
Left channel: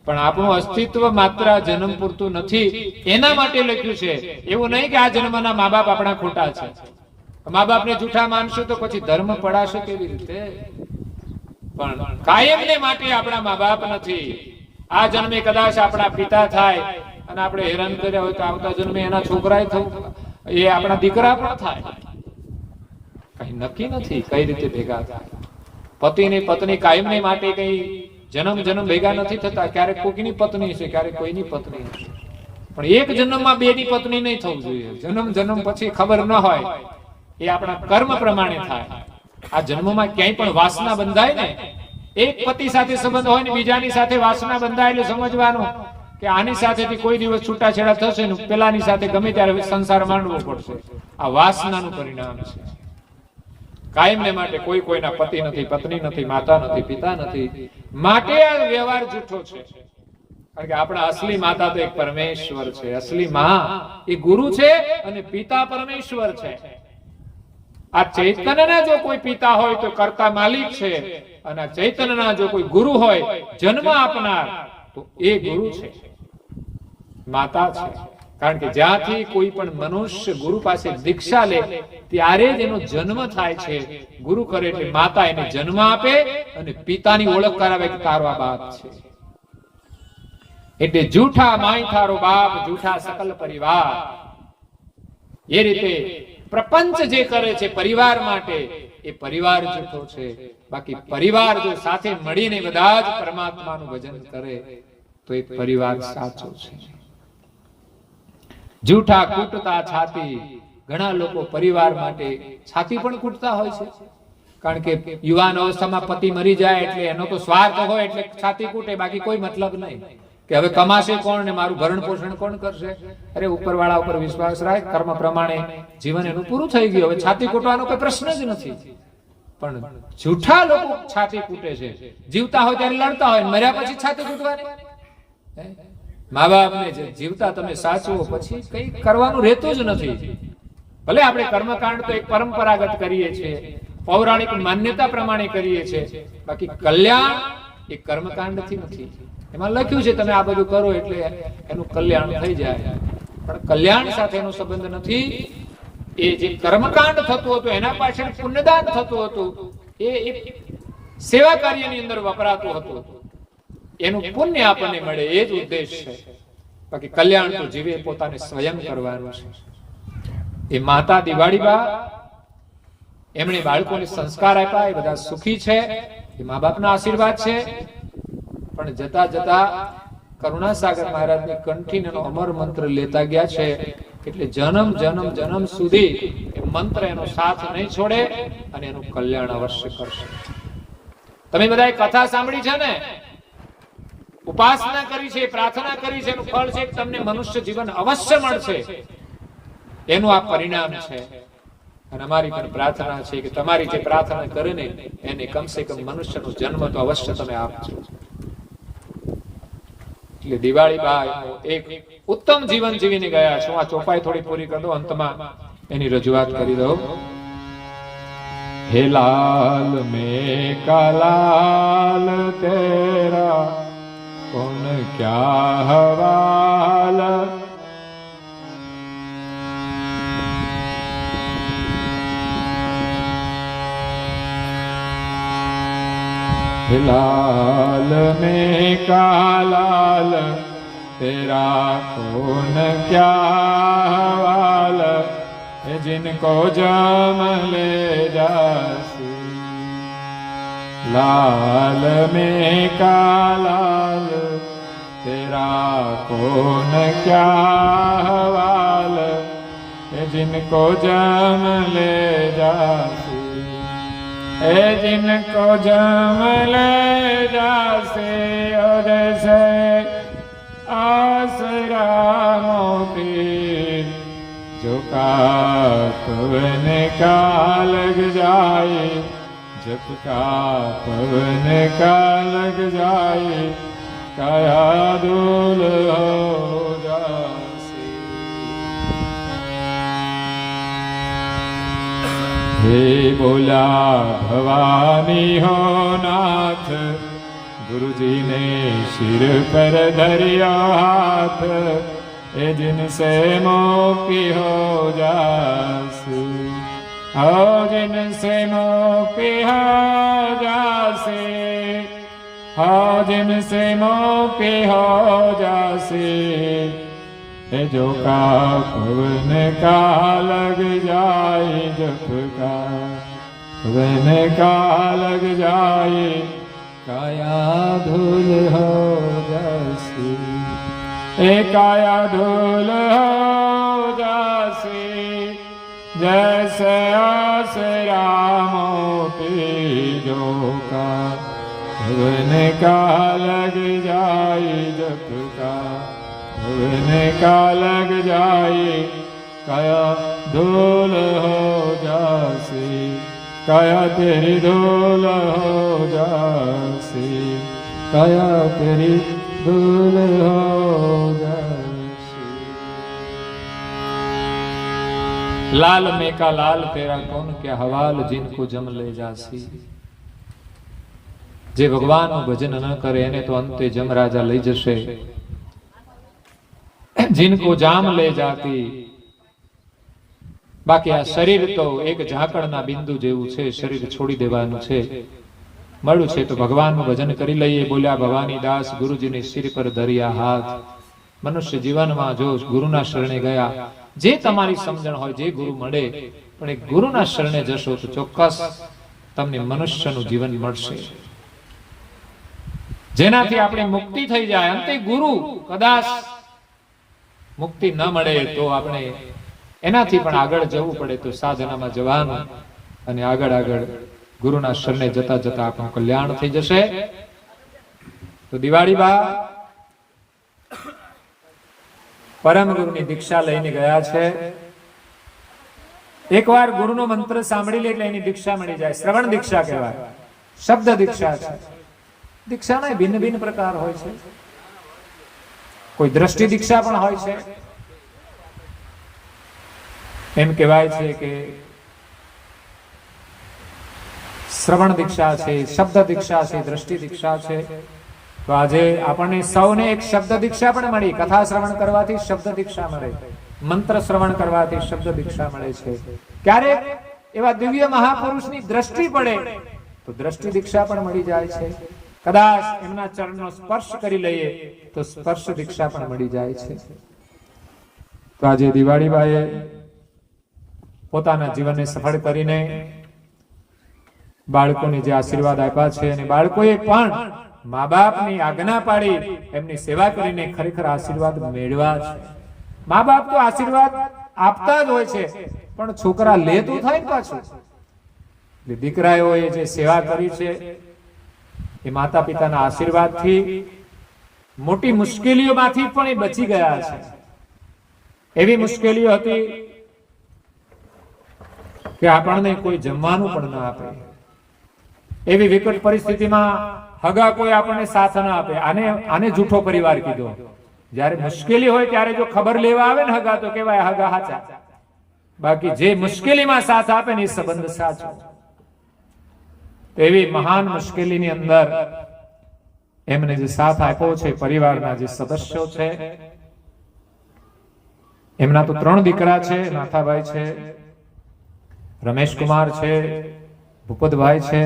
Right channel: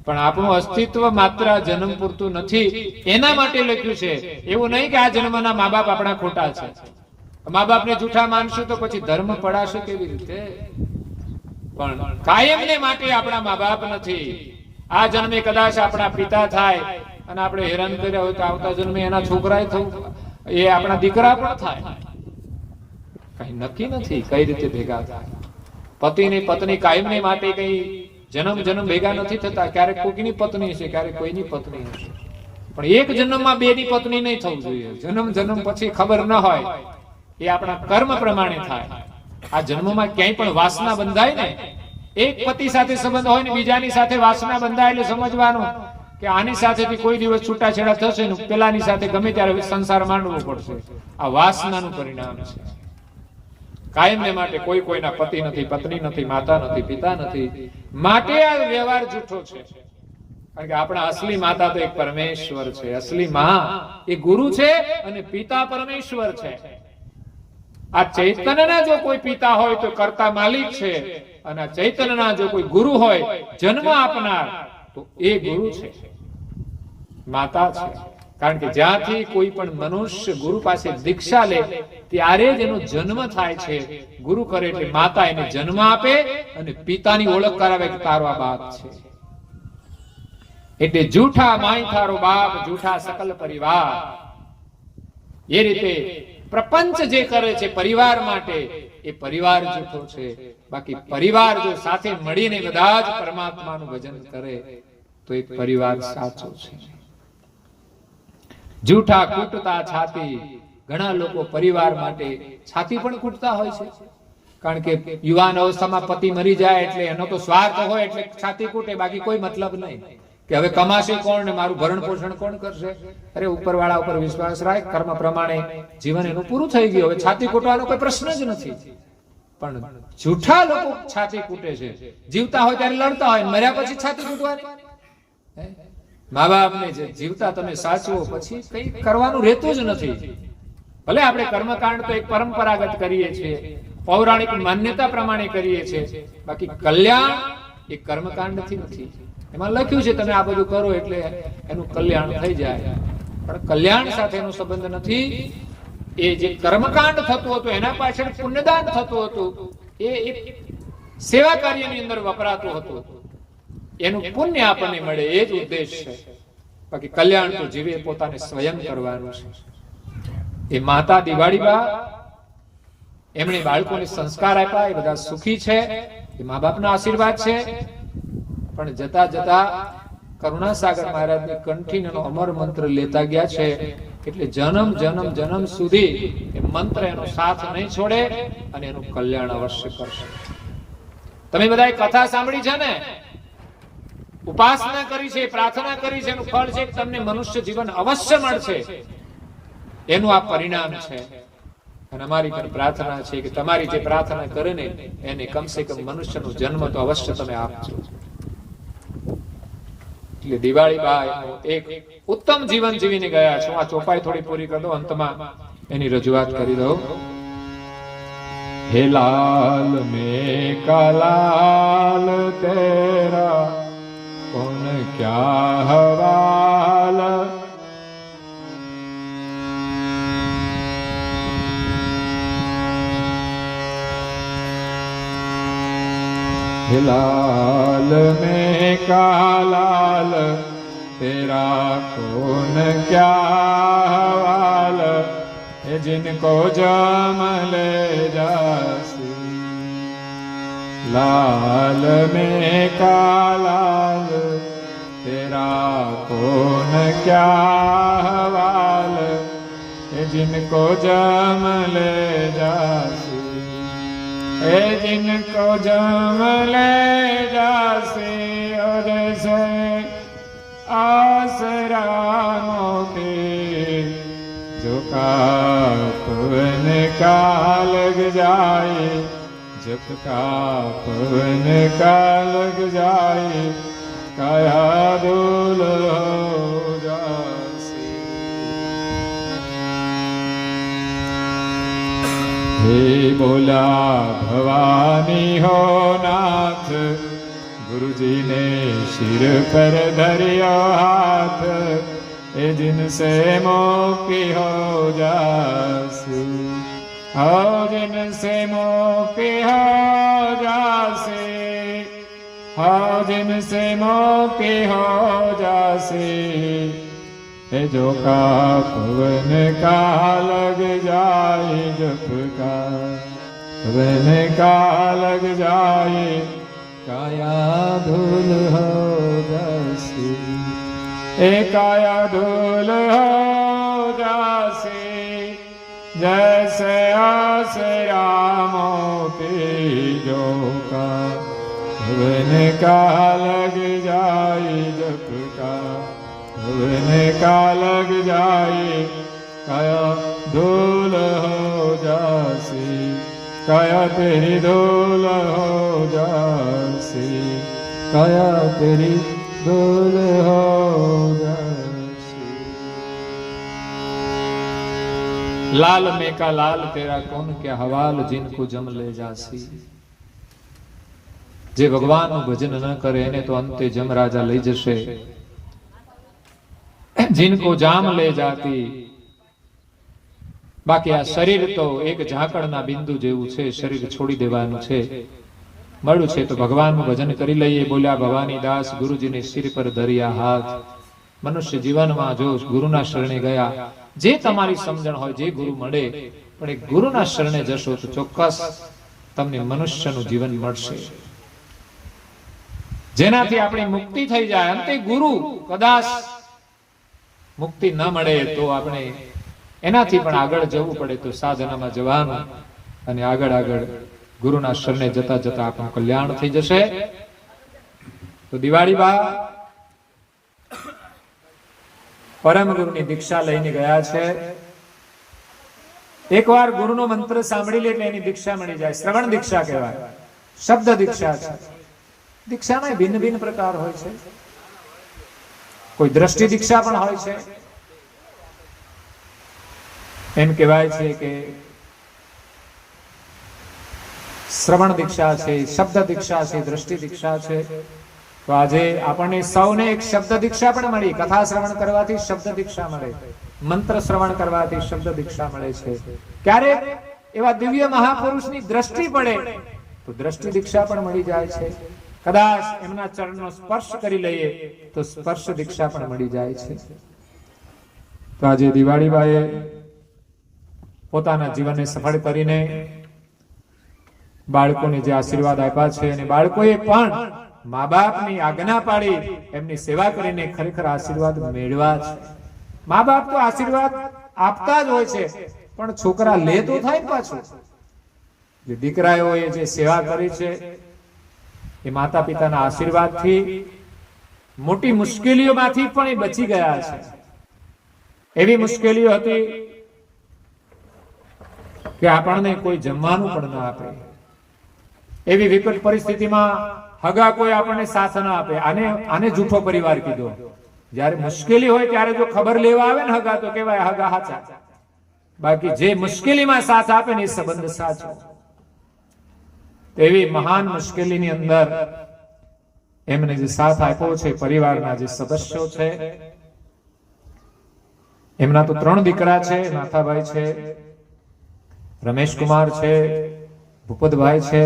પણ આપણું અસ્તિત્વ માત્ર આ જન્મ પૂરતું નથી. એના માટે લખ્યું છે. એવું નહીં કે આ જન્મના મા બાપ આપણા ખોટા છે. મા બાપને જૂઠા માનશું તો પછી ધર્મ પડાશે કેવી રીતે? પણ કાયમને માટે આપણા મા બાપ નથી. આ જન્મે કદાચ આપણા પિતા થાય અને આપણે હેરાન કર્યા હોય તો આવતા જન્મે એના છોકરા થવું, એ આપણા દીકરા પણ થાય. કઈ નક્કી નથી કઈ રીતે ભેગા થાય. પતિની પત્ની કાયમને માટે કઈ જન્મ જન્મ ભેગા નથી થતા. ક્યારેક કોઈની પત્ની છે, ક્યારેક કોઈની પત્ની નથી. પણ એક જન્મમાં બેની પત્ની નહીં થવું જોઈએ. જન્મ જન્મ પછી ખબર ન હોય, એ આપણા કર્મ પ્રમાણે થાય. આ જન્મમાં ક્યાંય પણ વાસના બંધાય ને, એક પતિ સાથે સંબંધ હોય ને બીજાની સાથે વાસના બંધાય એટલે સમજવાનું કે આની સાથેથી કોઈ દિવસ છૂટાછેડા થશે ને પેલાની સાથે ગમે ત્યારે સંસાર માંડવો પડશે. આ વાસનાનું પરિણામ છે. કાયમને માટે કોઈ કોઈના પતિ નથી, પત્ની નથી, માતા નથી, પિતા નથી. માટે આ વ્યવહાર જૂઠો છે. કારણ કે આપણા અસલી માતા તો એક પરમેશ્વર છે. અસલી માં એ ગુરુ છે અને પિતા પરમેશ્વર છે. આ ચૈતન્યના જો કોઈ પિતા હોય તો કર્તા માલિક છે, અને આ ચૈતન્યના જો કોઈ ગુરુ હોય જન્મ આપનાર તો એ ગુરુ છે, માતા છે. કારણ કે જ્યાંથી કોઈ પણ મનુષ્ય ગુરુ પાસે દીક્ષા લે ત્યારે જ એનો જન્મ થાય છે. ગુરુ કરે એટલે માતા એને જન્મ આપે અને પિતાની ઓળખ કરાવે કે તારો આ બાપ છે. એટલે જૂઠા માય થારો બાપ, જૂઠા સકલ પરિવાર. એ રીતે પ્રપંચ જે કરે છે પરિવાર માટે, એ પરિવાર જૂઠો છે. બાકી પરિવાર જો સાથે મળીને બધા જ પરમાત્માનું ભજન કરે તો એ પરિવાર સાચો છે. જૂઠા કૂટતા છાતી. ઘણા લોકો પરિવાર માટે છાતી પણ કૂટતા હોય છે. કારણ કે યુવાન અવસ્થામાં પતિ મરી જાય એટલે એનો તો સ્વાર્થ હોય એટલે છાતી કૂટે, બાકી કોઈ મતલબ નહીં કે હવે કમાશે કોણ ને મારું ભરણ પોષણ કોણ કરશે. અરે ઉપરવાળા ઉપર વિશ્વાસ રાખ, કર્મ પ્રમાણે જીવન એનું પૂરું થઈ ગયું. હવે છાતી કૂટવાનો કોઈ પ્રશ્ન જ નથી. પણ જૂઠા લોકો છાતી કૂટે છે. જીવતા હોય ત્યારે લડતા હોય, મર્યા પછી છાતી કૂટવાની. મા બાપને જીવતા તમે સાચવો પછી કઈ કરવાનું રહેતું જ નથી. ભલે આપણે કર્મકાંડ તો એક પરંપરાગત કરીએ છીએ, પૌરાણિક માન્યતા પ્રમાણે કરીએ છીએ, બાકી કલ્યાણ એ કર્મકાંડથી નથી. એમાં લખ્યું છે તમે આ બધું કરો એટલે એનું કલ્યાણ થઈ જાય, પણ કલ્યાણ સાથે એનો સંબંધ નથી. એ જે કર્મકાંડ થતું હતું એના પાછળ પુણ્યદાન થતું હતું, એ એક સેવા કાર્યની અંદર વપરાતું હતું. એનું પુણ્ય આપણને મળે એ જ ઉદ્દેશ છે. બાકી કલ્યાણ તો જીવે પોતાને સ્વયં કરવાનું છે. એ માતા દિવાળીબા એમણે બાળકોને સંસ્કાર આપ્યા, એ બધા સુખી છે. એ મા બાપના આશીર્વાદ છે. પણ જતા જતા કરુણાસાગર મહારાજની કંઠીનો અમર મંત્ર લેતા ગયા છે. એટલે જન્મ જન્મ જન્મ સુધી એ મંત્ર એનો સાથ નહીં છોડે અને એનું કલ્યાણ અવશ્ય કરશે. તમે બધાએ કથા સાંભળી છે ને, ઉપાસના કરી છે, પ્રાર્થના કરી છે, એનું ફળ છે કે તમને મનુષ્ય જીવન અવશ્ય મળશે. એનું આ પરિણામ છે. અને અમારી પણ પ્રાર્થના છે કે તમારી જે પ્રાર્થના કરે ને એને કમસે કમ મનુષ્યનો જન્મ તો અવશ્ય તમે આપજો. એટલે દિવાળી બા એક ઉત્તમ જીવન જીવીને ગયા છે. આ ચોપાઈ થોડી પૂરી કરી દો, અંતમાં એની રજૂઆત કરી દો. હે લાલ મેં કા લાલ તેરા कौन क्या हवाल, लाल में का लाल तेरा कौन क्या हवाल, जिनको जम ले जासी लाल में का लाल तेरा कौन क्या हवाल जिनको जम ले जासी जिनको जम ले जासे और से आसरा मोटे जो का पवन का लग जाए जब का पवन का लग जाए काया धूल हो जासे हे बोला भवानी हो नाथ गुरुजी ने सिर पर धरियो हाथ ए जिनसे मुक्ति हो जासी हो जिनसे मुक्ति हो जासी हो जिनसे मुक्ति हो जासी ए जो का पवन का लग जाए जप का पवन का लग जाए काया धूल हो जासी काया धूल हो जासी जैसे आसरा मोती जो का भवन का लग जाए जप का भवन का लग जाए काया धूल हो जासी काया तेरी धूल हो जासी काया तेरी धूल हो जासी लाल में का लाल तेरा कौन क्या हवाल जिनको जम ले जासी जे ભગવાનનું ભજન ન કરે એને તો અંતે જમરાજા લઈ જશે जिनको जाम ले जाती बाकी आ शरीर तो एक झाकड़ना बिंदु जेवुं छे शरीर छोड़ी देवानुं छे मळ्युं छे तो भगवाननुं भजन करी लईए बोल्या भवानी दास गुरुजीने सिर पर धर्या हाथ मनुष्य जीवનમાં જો ગુરુના શરણે ગયા જે તમારી સમજણ હોય જે ગુરુ મળે પણ એક ગુરુના શરણે જશો તો ચોક્કસ તમને મનુષ્યનું જીવન મળશે જેનાથી આપણી મુક્તિ થઈ જાય અંતે ગુરુ કદાચ મુક્તિ ન મળે તો આપણે એનાથી પણ આગળ જવું પડે તો સાધનામાં જવાનું અને આગળ આગળ ગુરુના શરણે જતા જતા આપણું કલ્યાણ થઈ જશે તો દિવાળી બા પરમ ગુરુની દીક્ષા લઈને ગયા છે એકવાર ગુરુનો મંત્ર સાંભળી લે એટલે એની દીક્ષા મળી જાય શ્રવણ દીક્ષા કહેવાય શબ્દ દીક્ષા છે દીક્ષાના ભિન્ન ભિન્ન પ્રકાર હોય છે કોઈ દ્રષ્ટિ દીક્ષા પણ હોય છે એમ કહેવાય છે કે શ્રવણ દીક્ષા છે શબ્દ દીક્ષા છે દ્રષ્ટિ દીક્ષા છે તો આજે આપણને સૌને એક શબ્દ દીક્ષા પણ મળી કથા શ્રવણ કરવાથી શબ્દ દીક્ષા મળે મંત્ર શ્રવણ કરવાથી શબ્દ દીક્ષા મળે છે ક્યારેક એવા દિવ્ય મહાપુરુષની દ્રષ્ટિ પડે તો દ્રષ્ટિ દીક્ષા પણ મળી જાય છે કદાચ એમના ચરણનો સ્પર્શ કરી લઈએ તો સ્પર્શ દીક્ષા પણ મળી જાય છે તો આજે દિવાળીબાએ પોતાના જીવનને સફળ કરીને બાળકોને જે આશીર્વાદ આપ્યા છે અને બાળકોએ પણ મા બાપની આજ્ઞા પાડી એમની સેવા કરીને ખરેખર આશીર્વાદ મેળવ્યા છે મા બાપ તો આશીર્વાદ આપતા જ હોય છે પણ છોકરા લે તો થાય ને પાછું દીકરાઓએ જે સેવા કરી છે એ માતા પિતાના આશીર્વાદથી મોટી મુશ્કેલીઓમાંથી પણ એ બચી ગયા છે એવી મુશ્કેલીઓ હતી કે આપણને કોઈ જમવાનું પણ ન આપે એવી વિકટ પરિસ્થિતિમાં હગા કોઈ આપણને સાથ ન આપે આને જૂઠો પરિવાર કીધો જ્યારે મુશ્કેલી હોય ત્યારે જો ખબર લેવા આવે ને હગા તો કહેવાય હગા હાચા બાકી જે મુશ્કેલીમાં સાથ આપે ને એ સંબંધ સાચો એવી મહાન મુશ્કેલીની અંદર એમને જે સાથ આપ્યો છે પરિવારના જે સદસ્યો છે એમના તો 3 દીકરા છે નાથાભાઈ છે રમેશકુમાર છે ભૂપતભાઈ છે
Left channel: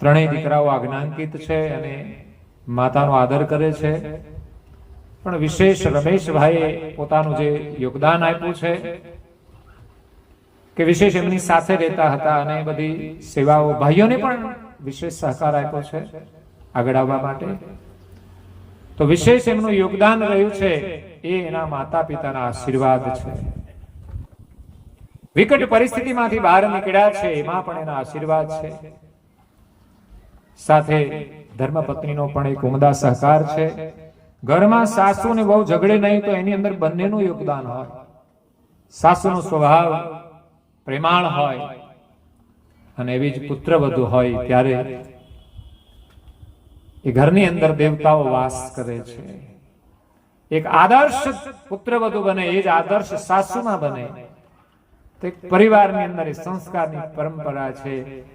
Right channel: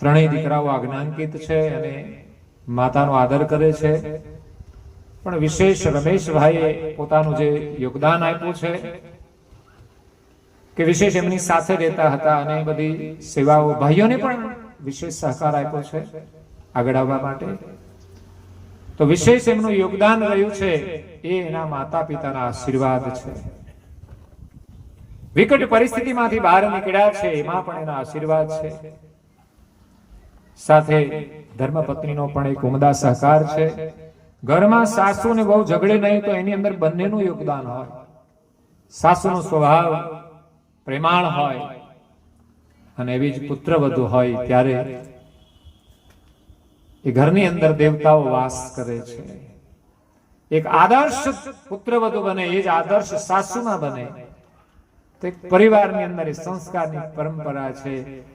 ત્રણેય દીકરાઓ આજ્ઞાંકિત છે અને માતાનો આદર કરે છે પણ વિશેષ રમેશભાઈએ પોતાનું જે યોગદાન આપ્યું છે કે વિશેષ એમની સાથે રહેતા હતા અને બધી સેવાઓ, ભાઈઓને પણ વિશેષ સહકાર આપ્યો છે આગળ આવવા માટે. તો વિશેષ એમનું યોગદાન રહ્યું છે એ એના માતા પિતાના આશીર્વાદ છે. વિકટ પરિસ્થિતિમાંથી બહાર નીકળ્યા છે એમાં પણ એના આશીર્વાદ છે. સાથે ધર્મપત્નીનો પણ એક ઉમદા સહકાર છે. ઘરમાં સાસુ ને બહુ ઝઘડે નહીં તો એની અંદર બંનેનું યોગદાન હોય. સાસુનો સ્વભાવ પ્રેમાળ હોય અને એવી જ પુત્રવધુ હોય ત્યારે એ ઘરની અંદર દેવતાઓ વાસ કરે છે. એક આદર્શ પુત્રવધુ બને એ જ આદર્શ સાસુમાં બને. તો એક પરિવારની અંદર એ સંસ્કારની પરંપરા છે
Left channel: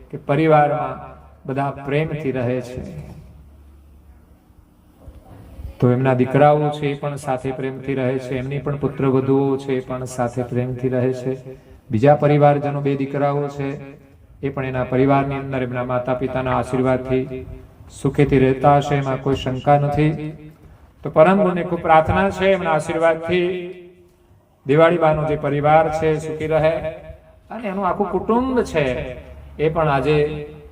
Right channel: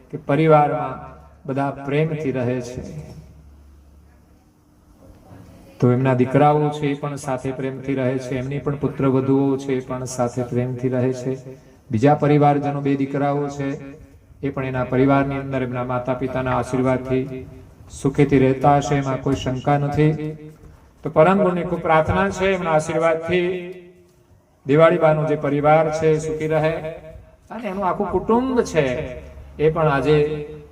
કે પરિવારમાં બધા પ્રેમથી રહે છે. તો એમના દીકરાઓ છે એ પણ સાથે પ્રેમથી રહે છે, એમની પણ પુત્રવધુઓ છે એ પણ સાથે પ્રેમથી રહે છે. બીજા પરિવારજનો, 2 દીકરાઓ છે એ પણ એના પરિવારની અંદર એમના માતા પિતાના આશીર્વાદથી સુખેથી રહેતા હશે, એમાં કોઈ શંકા નથી. તો પરમ ગુરુની ખૂબ પ્રાર્થના છે એમના આશીર્વાદથી દિવાળીબાનો જે પરિવાર છે સુખી રહે અને એનું આખું કુટુંબ છે એ પણ આજે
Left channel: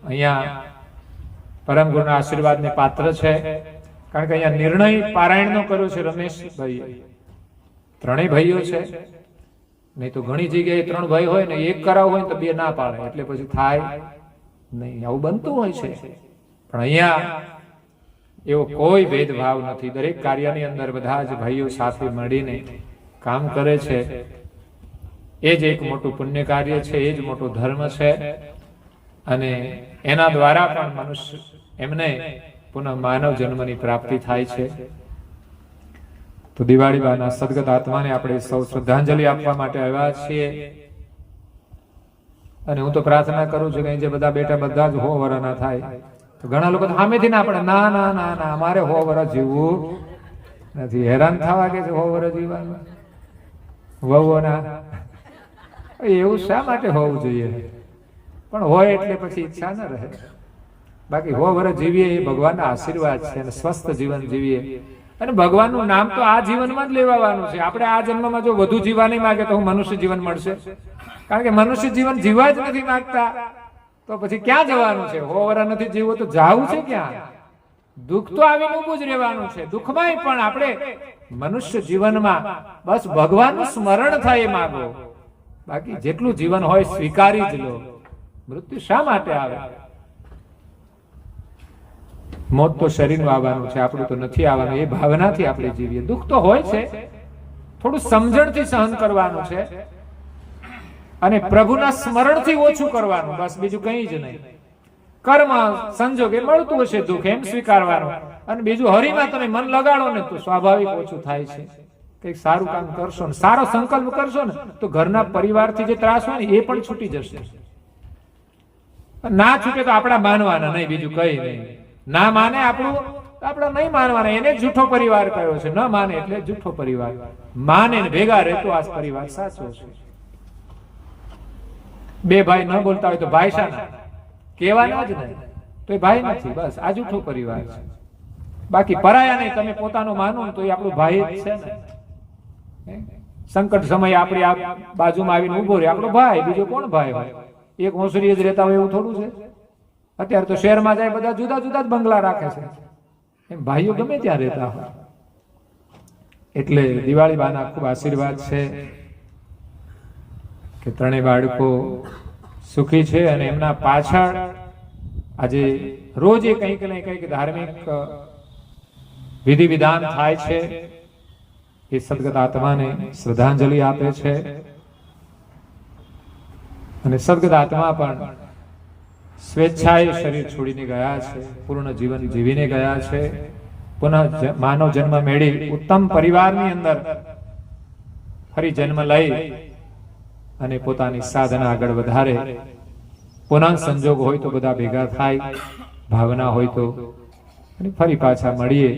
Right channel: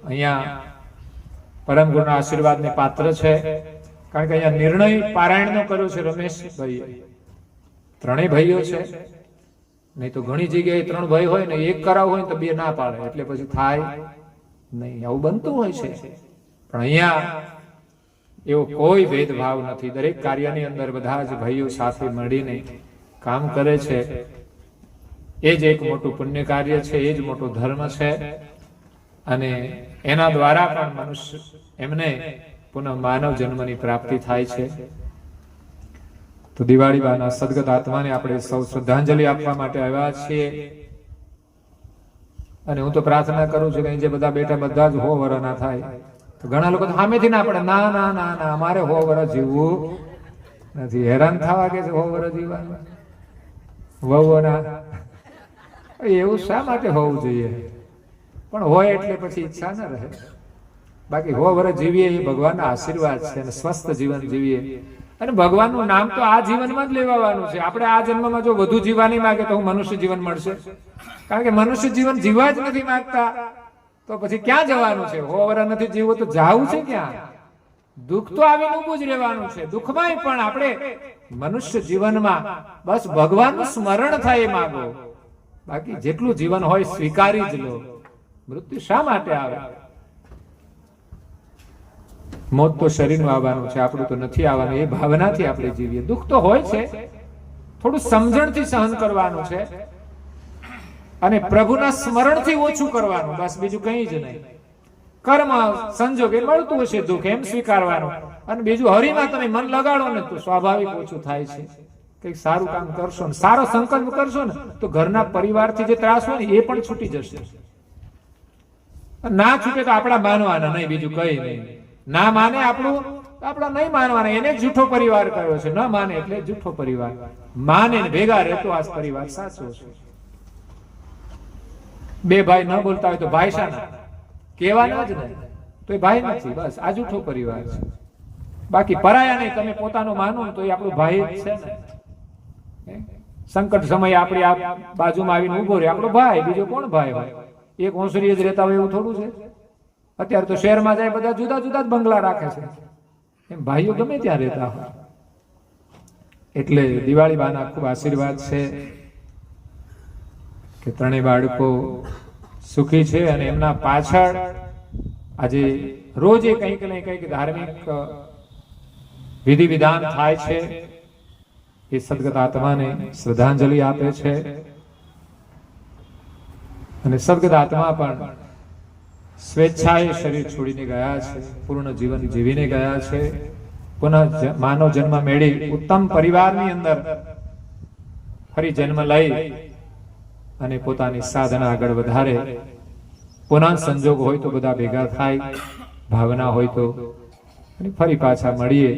અહીંયા પરમ ગુરુના આશીર્વાદને પાત્ર છે. કારણ કે અહીંયા નિર્ણય પારાયણનો કર્યો છે રમેશભાઈએ. 3 ભાઈઓ છે, નહીં તો ઘણી જગ્યાએ 3 ભાઈ હોય ને એક કરાવ હોય ને તો 2 ના પાડે, એટલે પછી થાય નહીં, આવું બનતું હોય છે. પણ અહીંયા એવો કોઈ ભેદભાવ નથી. દરેક કાર્યની અંદર બધા જ ભાઈઓ સાથે મળીને કામ કરે છે. એ જ એક મોટું પુણ્ય કાર્ય છે, એ જ મોટો ધર્મ છે અને એના દ્વારા પણ મનુષ્ય એમને પુનઃ માનવ જન્મની પ્રાપ્તિ થાય છે. તો દિવાળીબાના સદગત આત્માને આપણે સૌ શ્રદ્ધાંજલિ આપવા માટે આવ્યા છીએ. અને હું તો પ્રાર્થના કરું છું કે જે બધા બેટા બધા જ 100 વર્ષના થાય. તો ઘણા લોકો સામેથી ના પડે, ના ના ના ના અમારે 100 વર્ષ જીવવું નથી. હેરાન થવા કે 100 વર્ષ જીવવાનું વહુઓના, એવું શા માટે હોવું જોઈએ? પણ હોય એટલે પછી ઈચ્છા ના રહે. બાકી 100 વર્ષ જીવીએ એ ભગવાનના આશીર્વાદ છે અને સ્વસ્થ જીવન જીવીએ. અને ભગવાનનું નામ તો આ જીવનમાં જ લેવાનું છે. આપણે આ જન્મમાં જો વધુ જીવવાની માંગે તો મનુષ્ય જીવન મળશે? કારણ કે મનુષ્ય જીવન જીવવા જ નથી માંગતા તો પછી ક્યાં જવાનું છે? 100 વર્ષ નથી જીવવું તો જાવું છે ક્યાં? દુઃખ તો આવીને ઊભું જ રહેવાનું છે. દુઃખમાંય પણ આપણે મનુષ્ય જીવનમાં બસ ભગવાનનું સ્મરણ થાય એ માંગો. બાકી જેટલું જીવન હોય સ્વીકારી જ લો. મૃત્યુ શા માટે આવે? મોત તો શરીરનું આવવાનું છે, આપણું તો નથી આવવાનું. એ ભાવનાથી આપણે જીવીએ. દુઃખ તો હોય છે, થોડું સમજણથી સહન કરવાનું છે અને પ્રભુના સ્મરણથી ઓછું કરવાનું, બસ બીજું કંઈ જ નહીં. કર્મ સંજોગે મળતું હશે દુઃખ, એમ સ્વીકારવાનું. અને બીજું હરિમાં તમે મન લગાડો ને તો સ્વાભાવિક ઓછું થાય છે. કંઈક સારું કામ કરશો ને સારો સંકલ્પ કરશો ને તો ઘરના પરિવારથી જે ત્રાસ હોય ને એ પણ છૂટી જશે. ના છૂટે તો આપણા માનવાના નહીં, બીજું કઈ નહીં. ના માને આપણું આપણા નહીં માનવાના, એને જૂઠો પરિવાર કયો છે. ન માને એટલે જૂઠો પરિવાર. માને ને ભેગા રહેતો આ પરિવાર સાચો છે. 2 ભાઈ ન બોલતા હોય તો ભાઈ શાના કહેવાના જ નહીં, તો એ ભાઈ નથી. બસ આ જૂઠો પરિવાર છે. બાકી પરાયા નહીં, તમે પોતાનું માનો તો એ આપણું ભાઈ જ છે ને. સંકટ સમયે આપણી આ બાજુમાં આવીને ઉભો રહે આપણો ભાઈ, બીજો કોણ ભાઈ હોય? એક હોંસરીએ જ રહેતા હોય એવું થોડું છે? અત્યારે તો શહેરમાં જાય બધા જુદા જુદા જ બંગલા રાખે છે. એમ ભાઈઓ ગમે ત્યાં રહેતા હોય. એટલે દિવાળી બાના ખૂબ આશીર્વાદ છે કે 3 બાળકો સુખી છે અને એમના પાછળ આજે રોજ કંઈક ને કંઈક ધાર્મિક વિધિ વિધાન થાય છે. એ સદગત આત્માને શ્રદ્ધાંજલિ આપે છે અને સદગત આત્મા પણ સ્વેચ્છાએ શરીર છોડીને ગયા છે, પૂર્ણ જીવન જીવીને ગયા છે. પુનઃ માનવ જન્મ મેળવી ઉત્તમ પરિવારની અંદર ફરી જન્મ લઈ અને પોતાની સાધના આગળ વધારે. પુનઃ સંજોગ હોય તો બધા ભેગા થાય, ભાવના હોય તો અને ફરી પાછા મળીએ.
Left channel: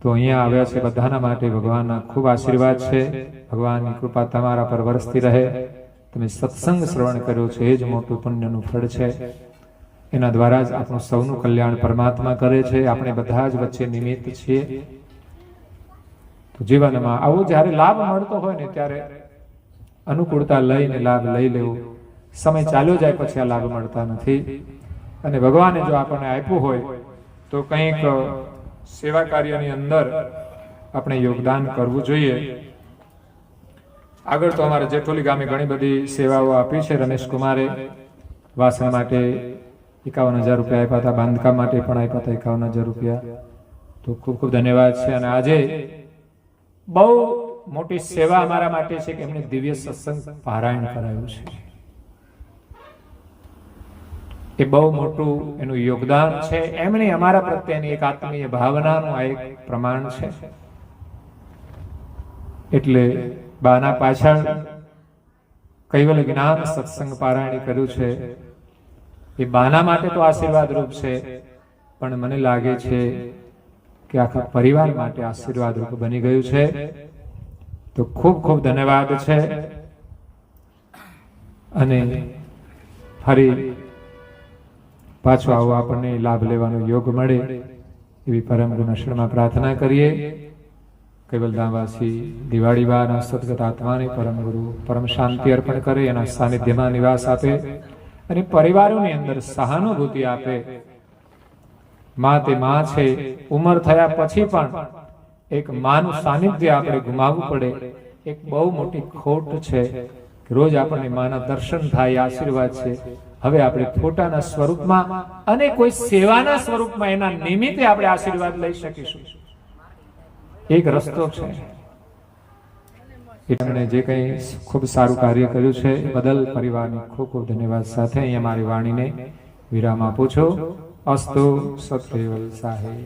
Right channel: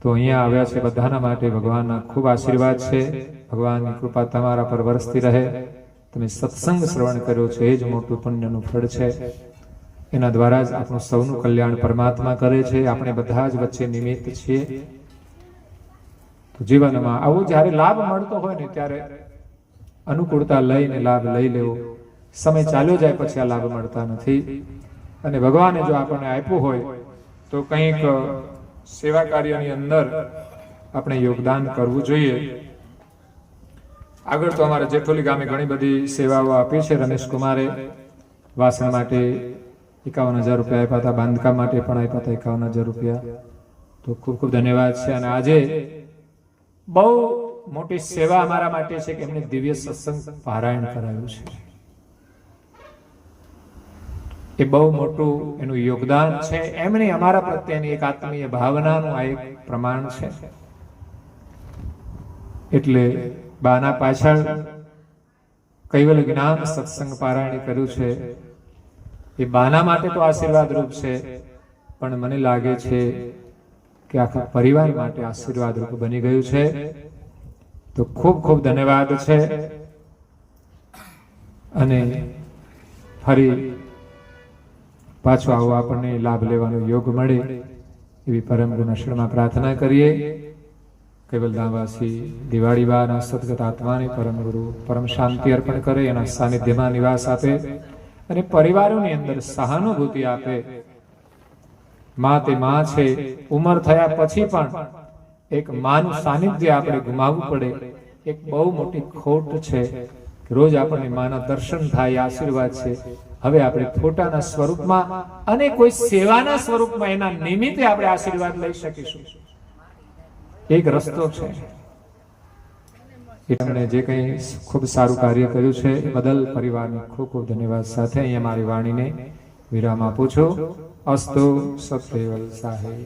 તો અહીંયા આવ્યા છે બધાના માટે ભગવાનના ખૂબ આશીર્વાદ છે. ભગવાનની કૃપા તમારા પર વરસતી રહે. તમે સત્સંગ શ્રવણ કર્યો છે એ જ મોટું પુણ્યનું ફળ છે. એના દ્વારા જ આપણું સૌનું કલ્યાણ પરમાત્મા કરે છે. આપણે બધા જ વચ્ચે નિમિત્ત છીએ. તો જીવનમાં આવો જ્યારે લાભ મળતો હોય ને ત્યારે અનુકૂળતા લઈને લાભ લઈ લેવો. સમય ચાલ્યો જાય પછી આ લાભ મળતા નથી. અને ભગવાને જો આપણને આપ્યું હોય તો કંઈક સેવા કાર્યની અંદર આપણે યોગદાન કરવું જોઈએ. આગળ તો અમારા જેઠોલી ગામે ઘણી બધી સેવાઓ આપી છે. રમેશ કુમારે વાસણ માટે 51,000 રૂપિયા આપ્યા હતા, બાંધકામ માટે પણ આપ્યા હતા 51,000 રૂપિયા. તો ખૂબ ખૂબ ધન્યવાદ છે. અને આજે બહુ મોટી સેવા અમારા માટે છે કે એમને દિવ્ય સત્સંગ પારાયણ કરાયું છે. એ બહુ મોટું એનું યોગદાન છે. એમની અમારા પ્રત્યેની એક આત્મીય ભાવનાનું આ એક પ્રમાણ છે. એટલે બાના પાછળ કૈવલ્ય જ્ઞાન સત્સંગ પારાયણ કર્યું છે. એ બાના માટે તો આશીર્વાદ રૂપ છે, પણ મને લાગે છે કે આખા પરિવાર માટે આશીર્વાદ રૂપ બની ગયું છે. તો ખૂબ ખૂબ ધન્યવાદ છે. અને ફરી પાછો આવો આપણને લાભ લેવાનો યોગ મળે એવી પરમ ગુના શરણમાં પ્રાર્થના કરીએ. કૈવલધામવાસી દિવાળીવાના સદગત આત્માને પરમ ગુરુ પરમ શાંતિ અર્પણ કરે, એના સાનિધ્યમાં નિવાસ આપે અને પરિવારોની અંદર સહાનુભૂતિ આપે. માં તે માં છે. ઉંમર થયા પછી પણ એક માનું સાનિધ્ય આપણે ગુમાવવું પડે, એક બહુ મોટી ખોટ છે. રોજ આપણને માના દર્શન થાય, આશીર્વાદ છે. હવે આપણે ફોટાના સ્વરૂપમાં અને કોઈ સેવાના સ્વરૂપમાં એના નિમિત્તે આપણે આશીર્વાદ લઈ શકીશું. એક રસ્તો છે. એમણે જે કંઈ ખૂબ સારું કાર્ય કર્યું છે એ બદલ પરિવારની ખૂબ ખૂબ ધન્યવાદ સાથે અહીંયા મારી વાણીને વિરામ આપું છું. અસ્તુ સત્કેવલ સાહેબ.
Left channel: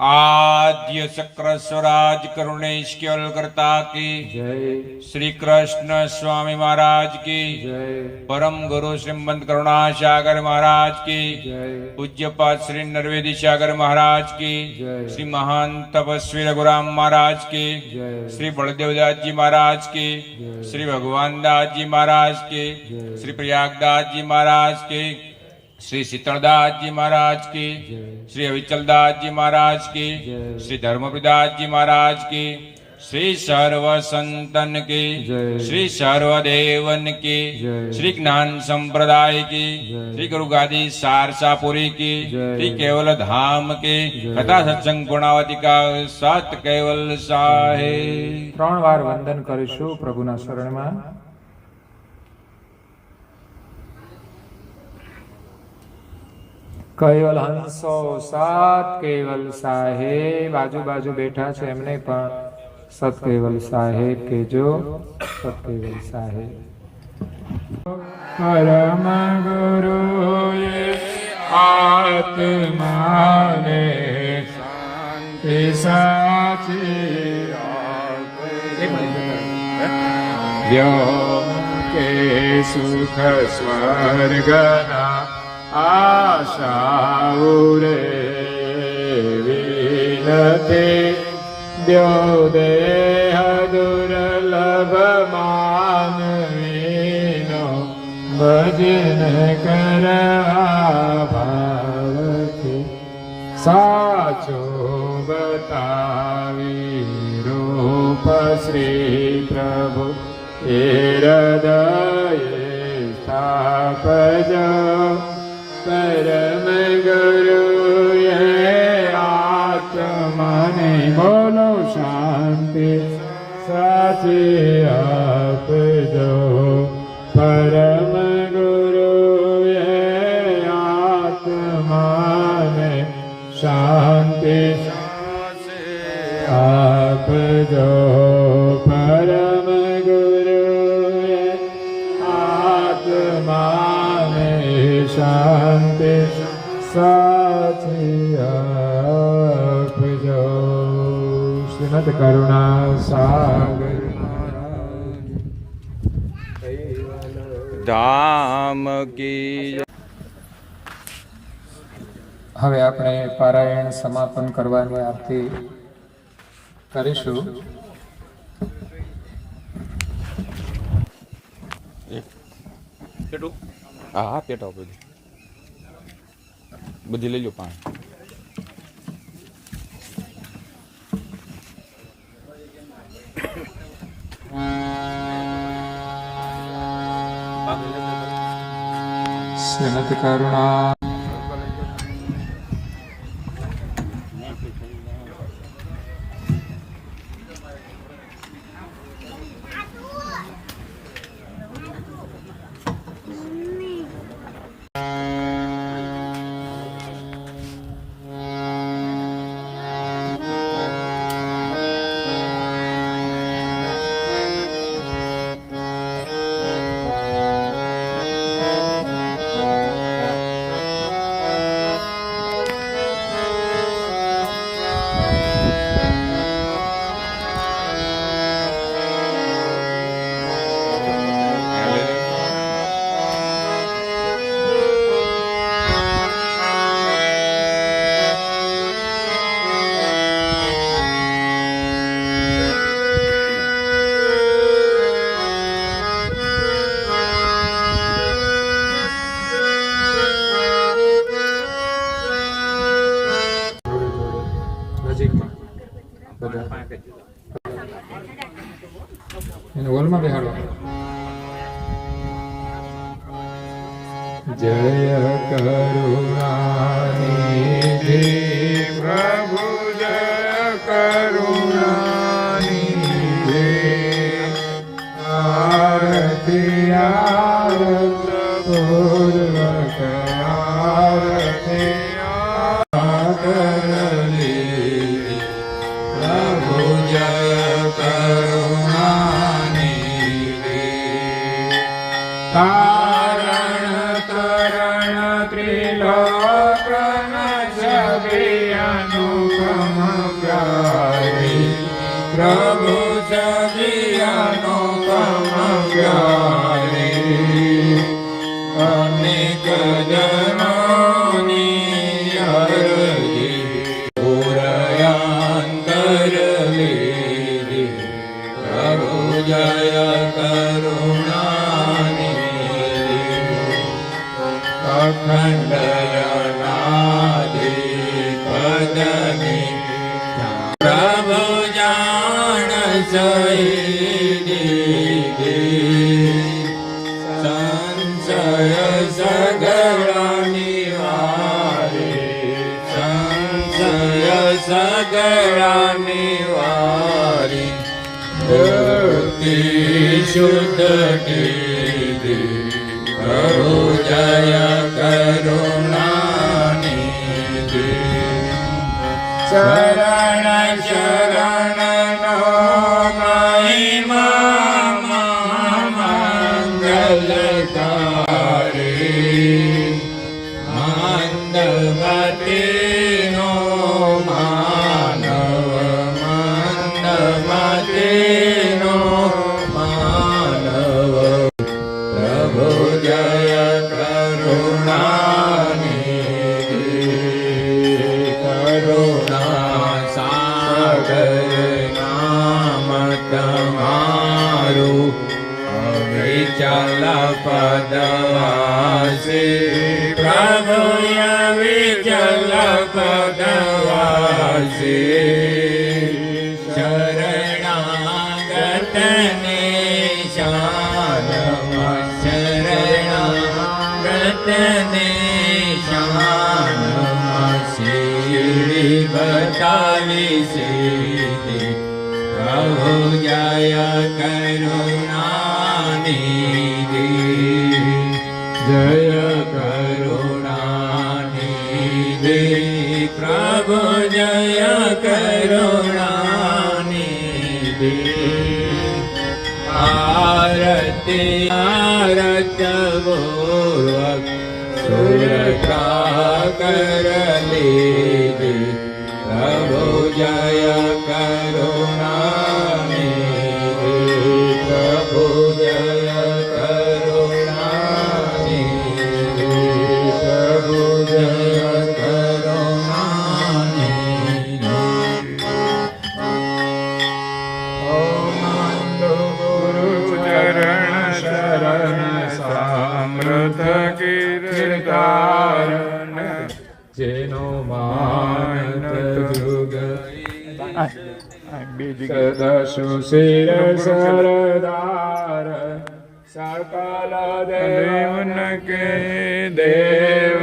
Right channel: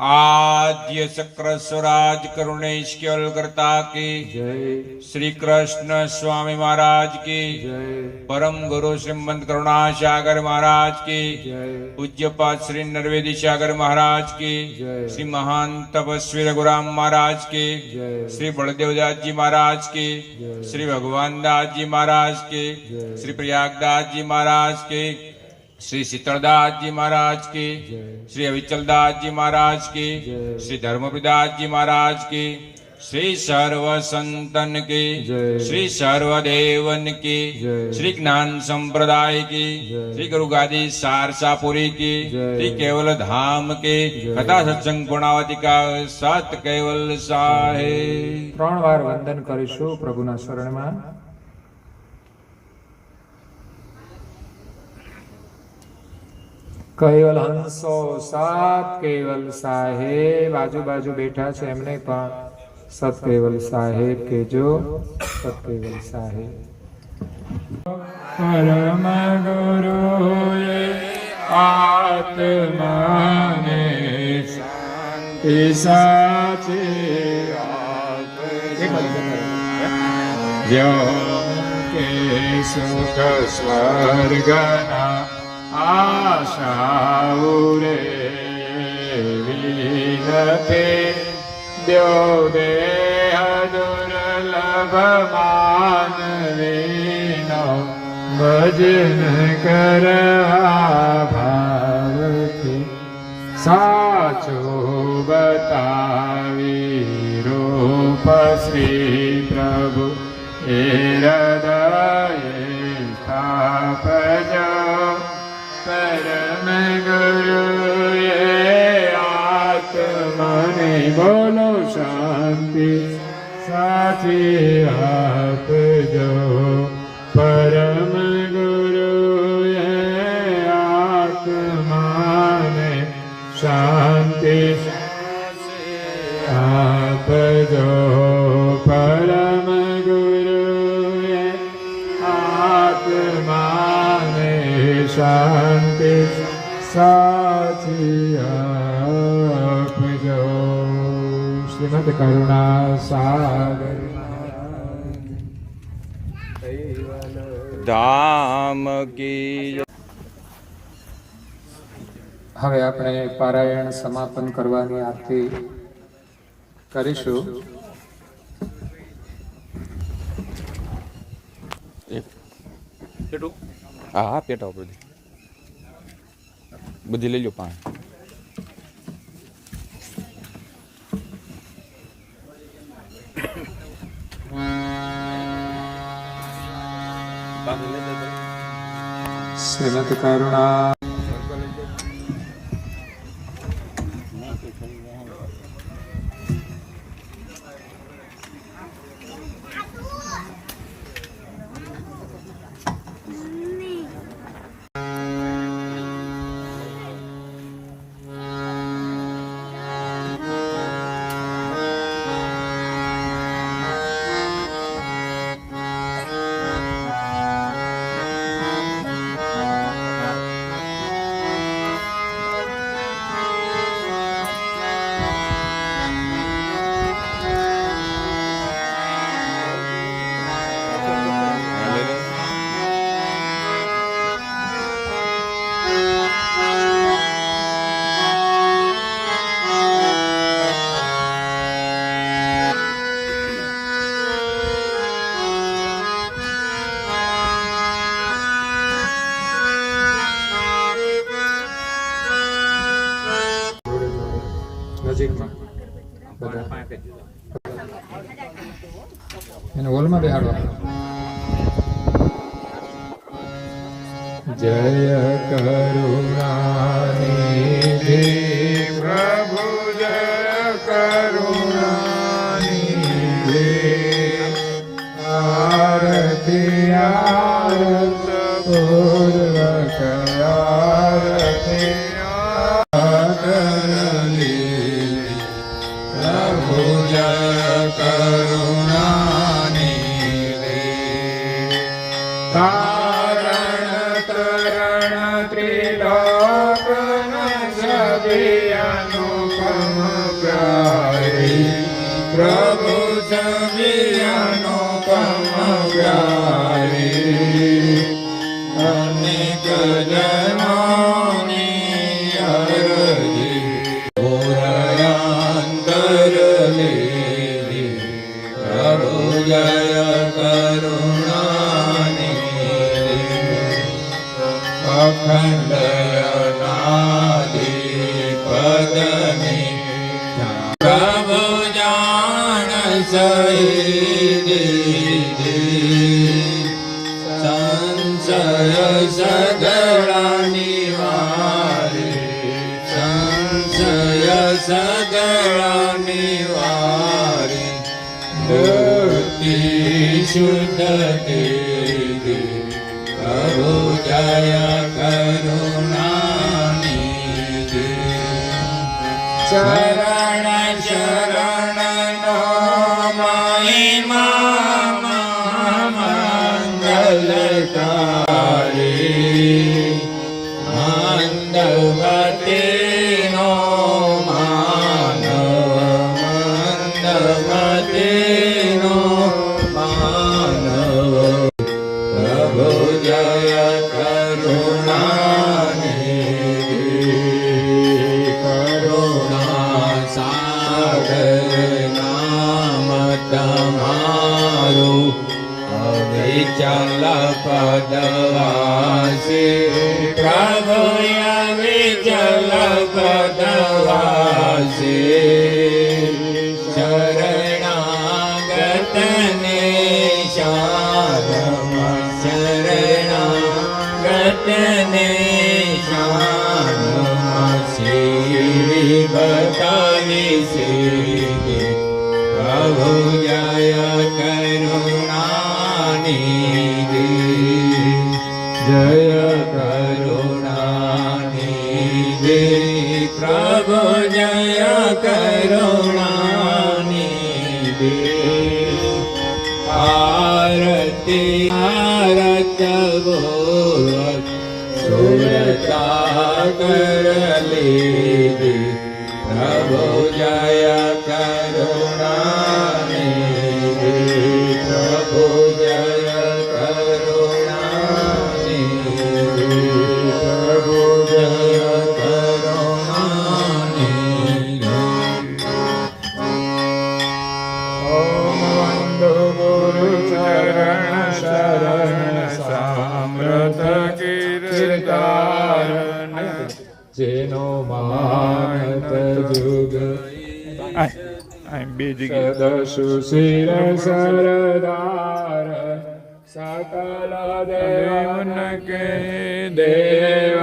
आद्य चक्र स्वराज करुणेश केवल करता की जय. श्री कृष्ण स्वामी महाराज की जय. परम गुरु श्रीमंत करुणा सागर महाराज की जय. पूज्यपाद श्री नरवेदी सागर महाराज की जय. श्री महान तपस्वी रघुराम महाराज की जय. श्री बलदेवदास जी महाराज की जय. श्री भगवान दास जी महाराज की जय. श्री प्रयागदास जी महाराज की श्री शीतलदास जी महाराज की जय. श्री अविचलदास जी महाराज की जय. श्री धर्मपिदास जी महाराज की श्री सर्व संतन की जय. श्री सर्वदेवन की जय. श्री ज्ञान संप्रदाय की जय. श्री गुरु गादी सारसापुरी की जय. श्री केवल धाम के जय. कथा सत्संग गुणावती का सत केवल साहेब. 3 વાર વંદન કરીશું પ્રભુના શરણમાં. કૈવલ હંસો સાત કેવલ સાહેબ. આજુબાજુ બેઠા છે એમને પણ સત કેવલ સાહેબ કહેજો. સત કેવલ સાહેબ. પરમ ગુરુએ આત્માને શાંતિ સાચી કે સુખ સ્વર્ગના આશાઓ રે વિનતે દ્યો દેહ દુર્લભ માનવીનો ભજન કરવા ભાવથી સાચો બતાવી રૂપ શ્રી પ્રભુ એ હૃદયે સ્થાપજો. પરમ ગુરુએ આત્માને બોલો શાંતિ સાચી આપજો. પરમ ગુરુએ આત્માને શાંતિ આપજો. પરમ ગુરુએ આત્માને શાંતિ સાચી આપજો. શ્રીમદ કરુણા સાગર धाम की હવે આપણે પારાયણ સમાપન કરવાની આરતી કરીશું. હા પેટા બધી લઈ લો પાણી. શ્રીમતી કરુણા નજીકમાં બધા એને હોલમાં બેહાડવા. જય કરુણાનિધિ પ્રભુ જય કરુણાનિધિ આરતી આવત પૂર્વક આરતી આદરલી પ્રભુ જય કરુણાનિધિ તારણ તરણ ત્રિલોકન સભે અનુપમ પ્યારી પ્રભુ સભે અનુપમ પ્યારી અનેક જનોની અરજી પુરયાંતર લીધી પ્રભુ જય અખંડનાધિપદની પ્રભુ જાણ સંશય સગળા નિવારે સંશય સગળા નિવારે ભક્તિ શુદ્ધ કીધી પ્રભુ જય કરુણાનિધિ શરણ શરણ નો મહિમા મંગલકારી મંદમતીનો માનવ મંદમતીનો માનવ પ્રભુ જય કરુણાનિધિ કરુણા સાગર નામ તમારું અવિચલ પદવાસે પ્રભુ અવિચલ પદવાસે શરણાગતને શાનમાં શરણાગતને શાનમાં શ્રી બતાવી સીધી પ્રભુ જય કરુણાનિધિ જય કરુણાનિધિ પ્રભુ જય કરુણાનિધિ આરતી આરત પૂર્વક સુરતા કર લીધી પ્રભુ જય કરુણાનિધિ પ્રભુ જય કરુણાનિધિ પ્રભુ જય કરુણાનિધિ ઓમ વંદો ગુરુ ચરણ શરણ સામ્રત કીર્તાન જેનો માન જુગ સદશુ શિર સરદાર सकल देवन के देव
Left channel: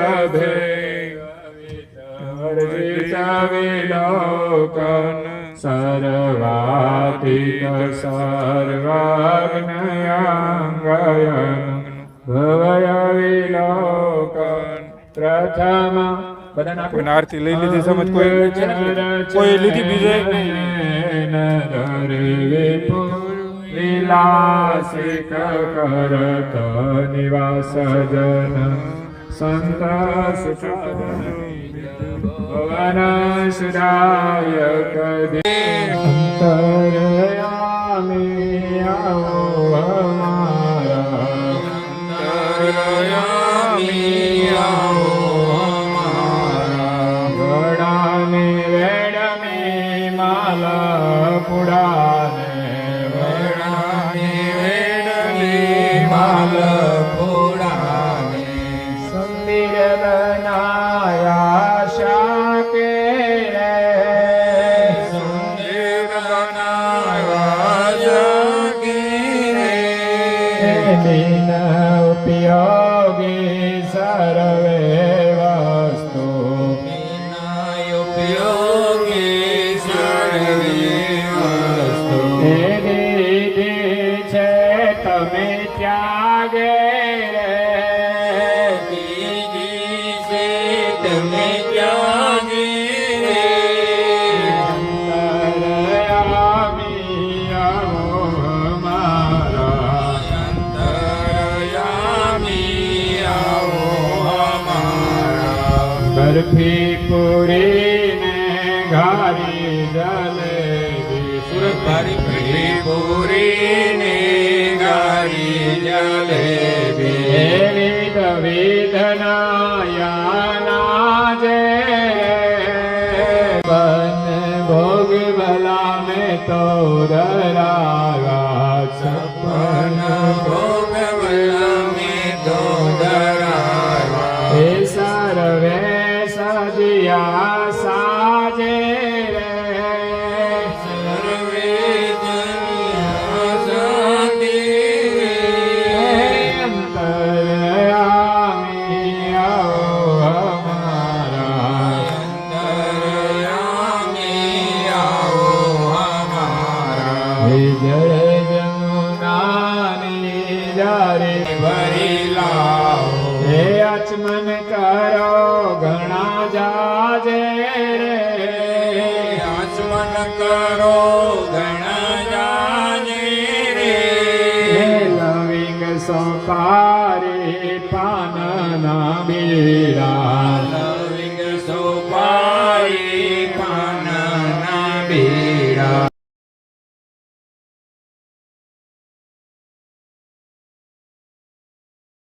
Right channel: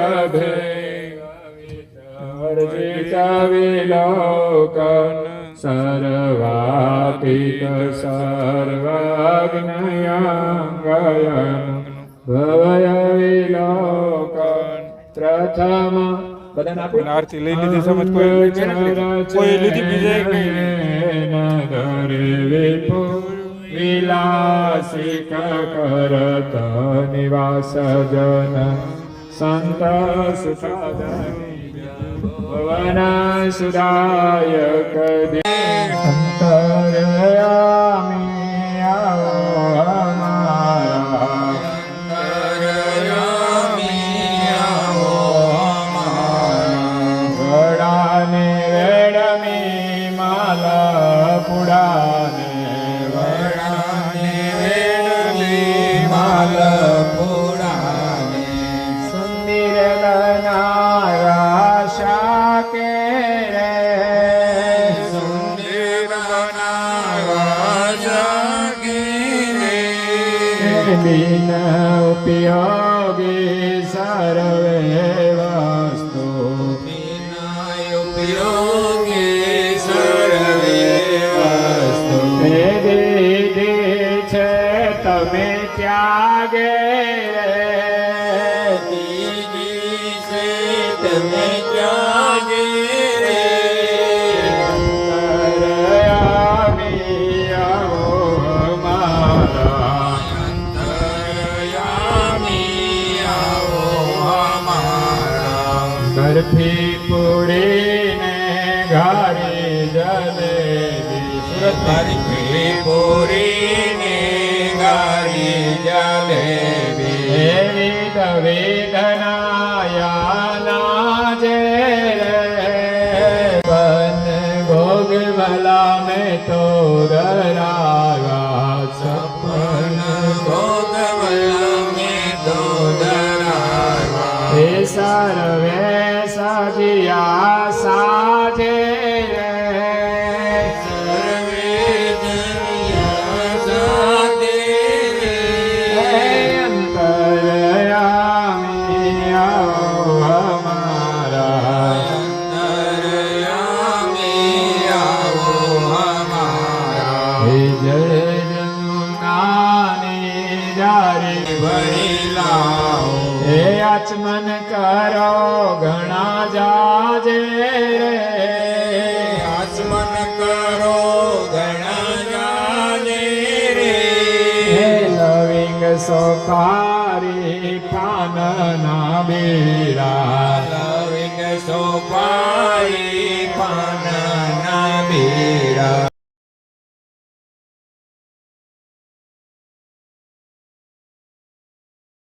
विलोकन सर्वातीत सर्वज्ञ ભવય વિલોકન પ્રથમ બધાને આરતી લઈ લીધી સમજ કોઈ લીધી બીજે વિલાસિક કરત નિવાસ જન સંત ભવન સુદાયક અંતરયામી આવો દીન ઉપયોગી સર્વે વસ્તુ દીધી છે તમે ત્યાગે બરફી પૂરી ને ઘારી જલેબી સુરત બરફી પૂરી ને ઘારી જલેબી વિધ વિધનાયા જે બન ભોગ ભલા મેં તો દરાવા સપન ભોગ ભલા મેં તો ડરાવા હે સર્વે સજિયા સાજે સર્વે જન્યા સાધે અંતરયામી આવો હમારા અંતરયામી આવો અમારા જય જમુનાની જારી ભરી લાવો હે આચમન કરો ઘણા જાજે આચમન કરો ઘણા જાને રે લવિંગ સોપારી પાનના બીરા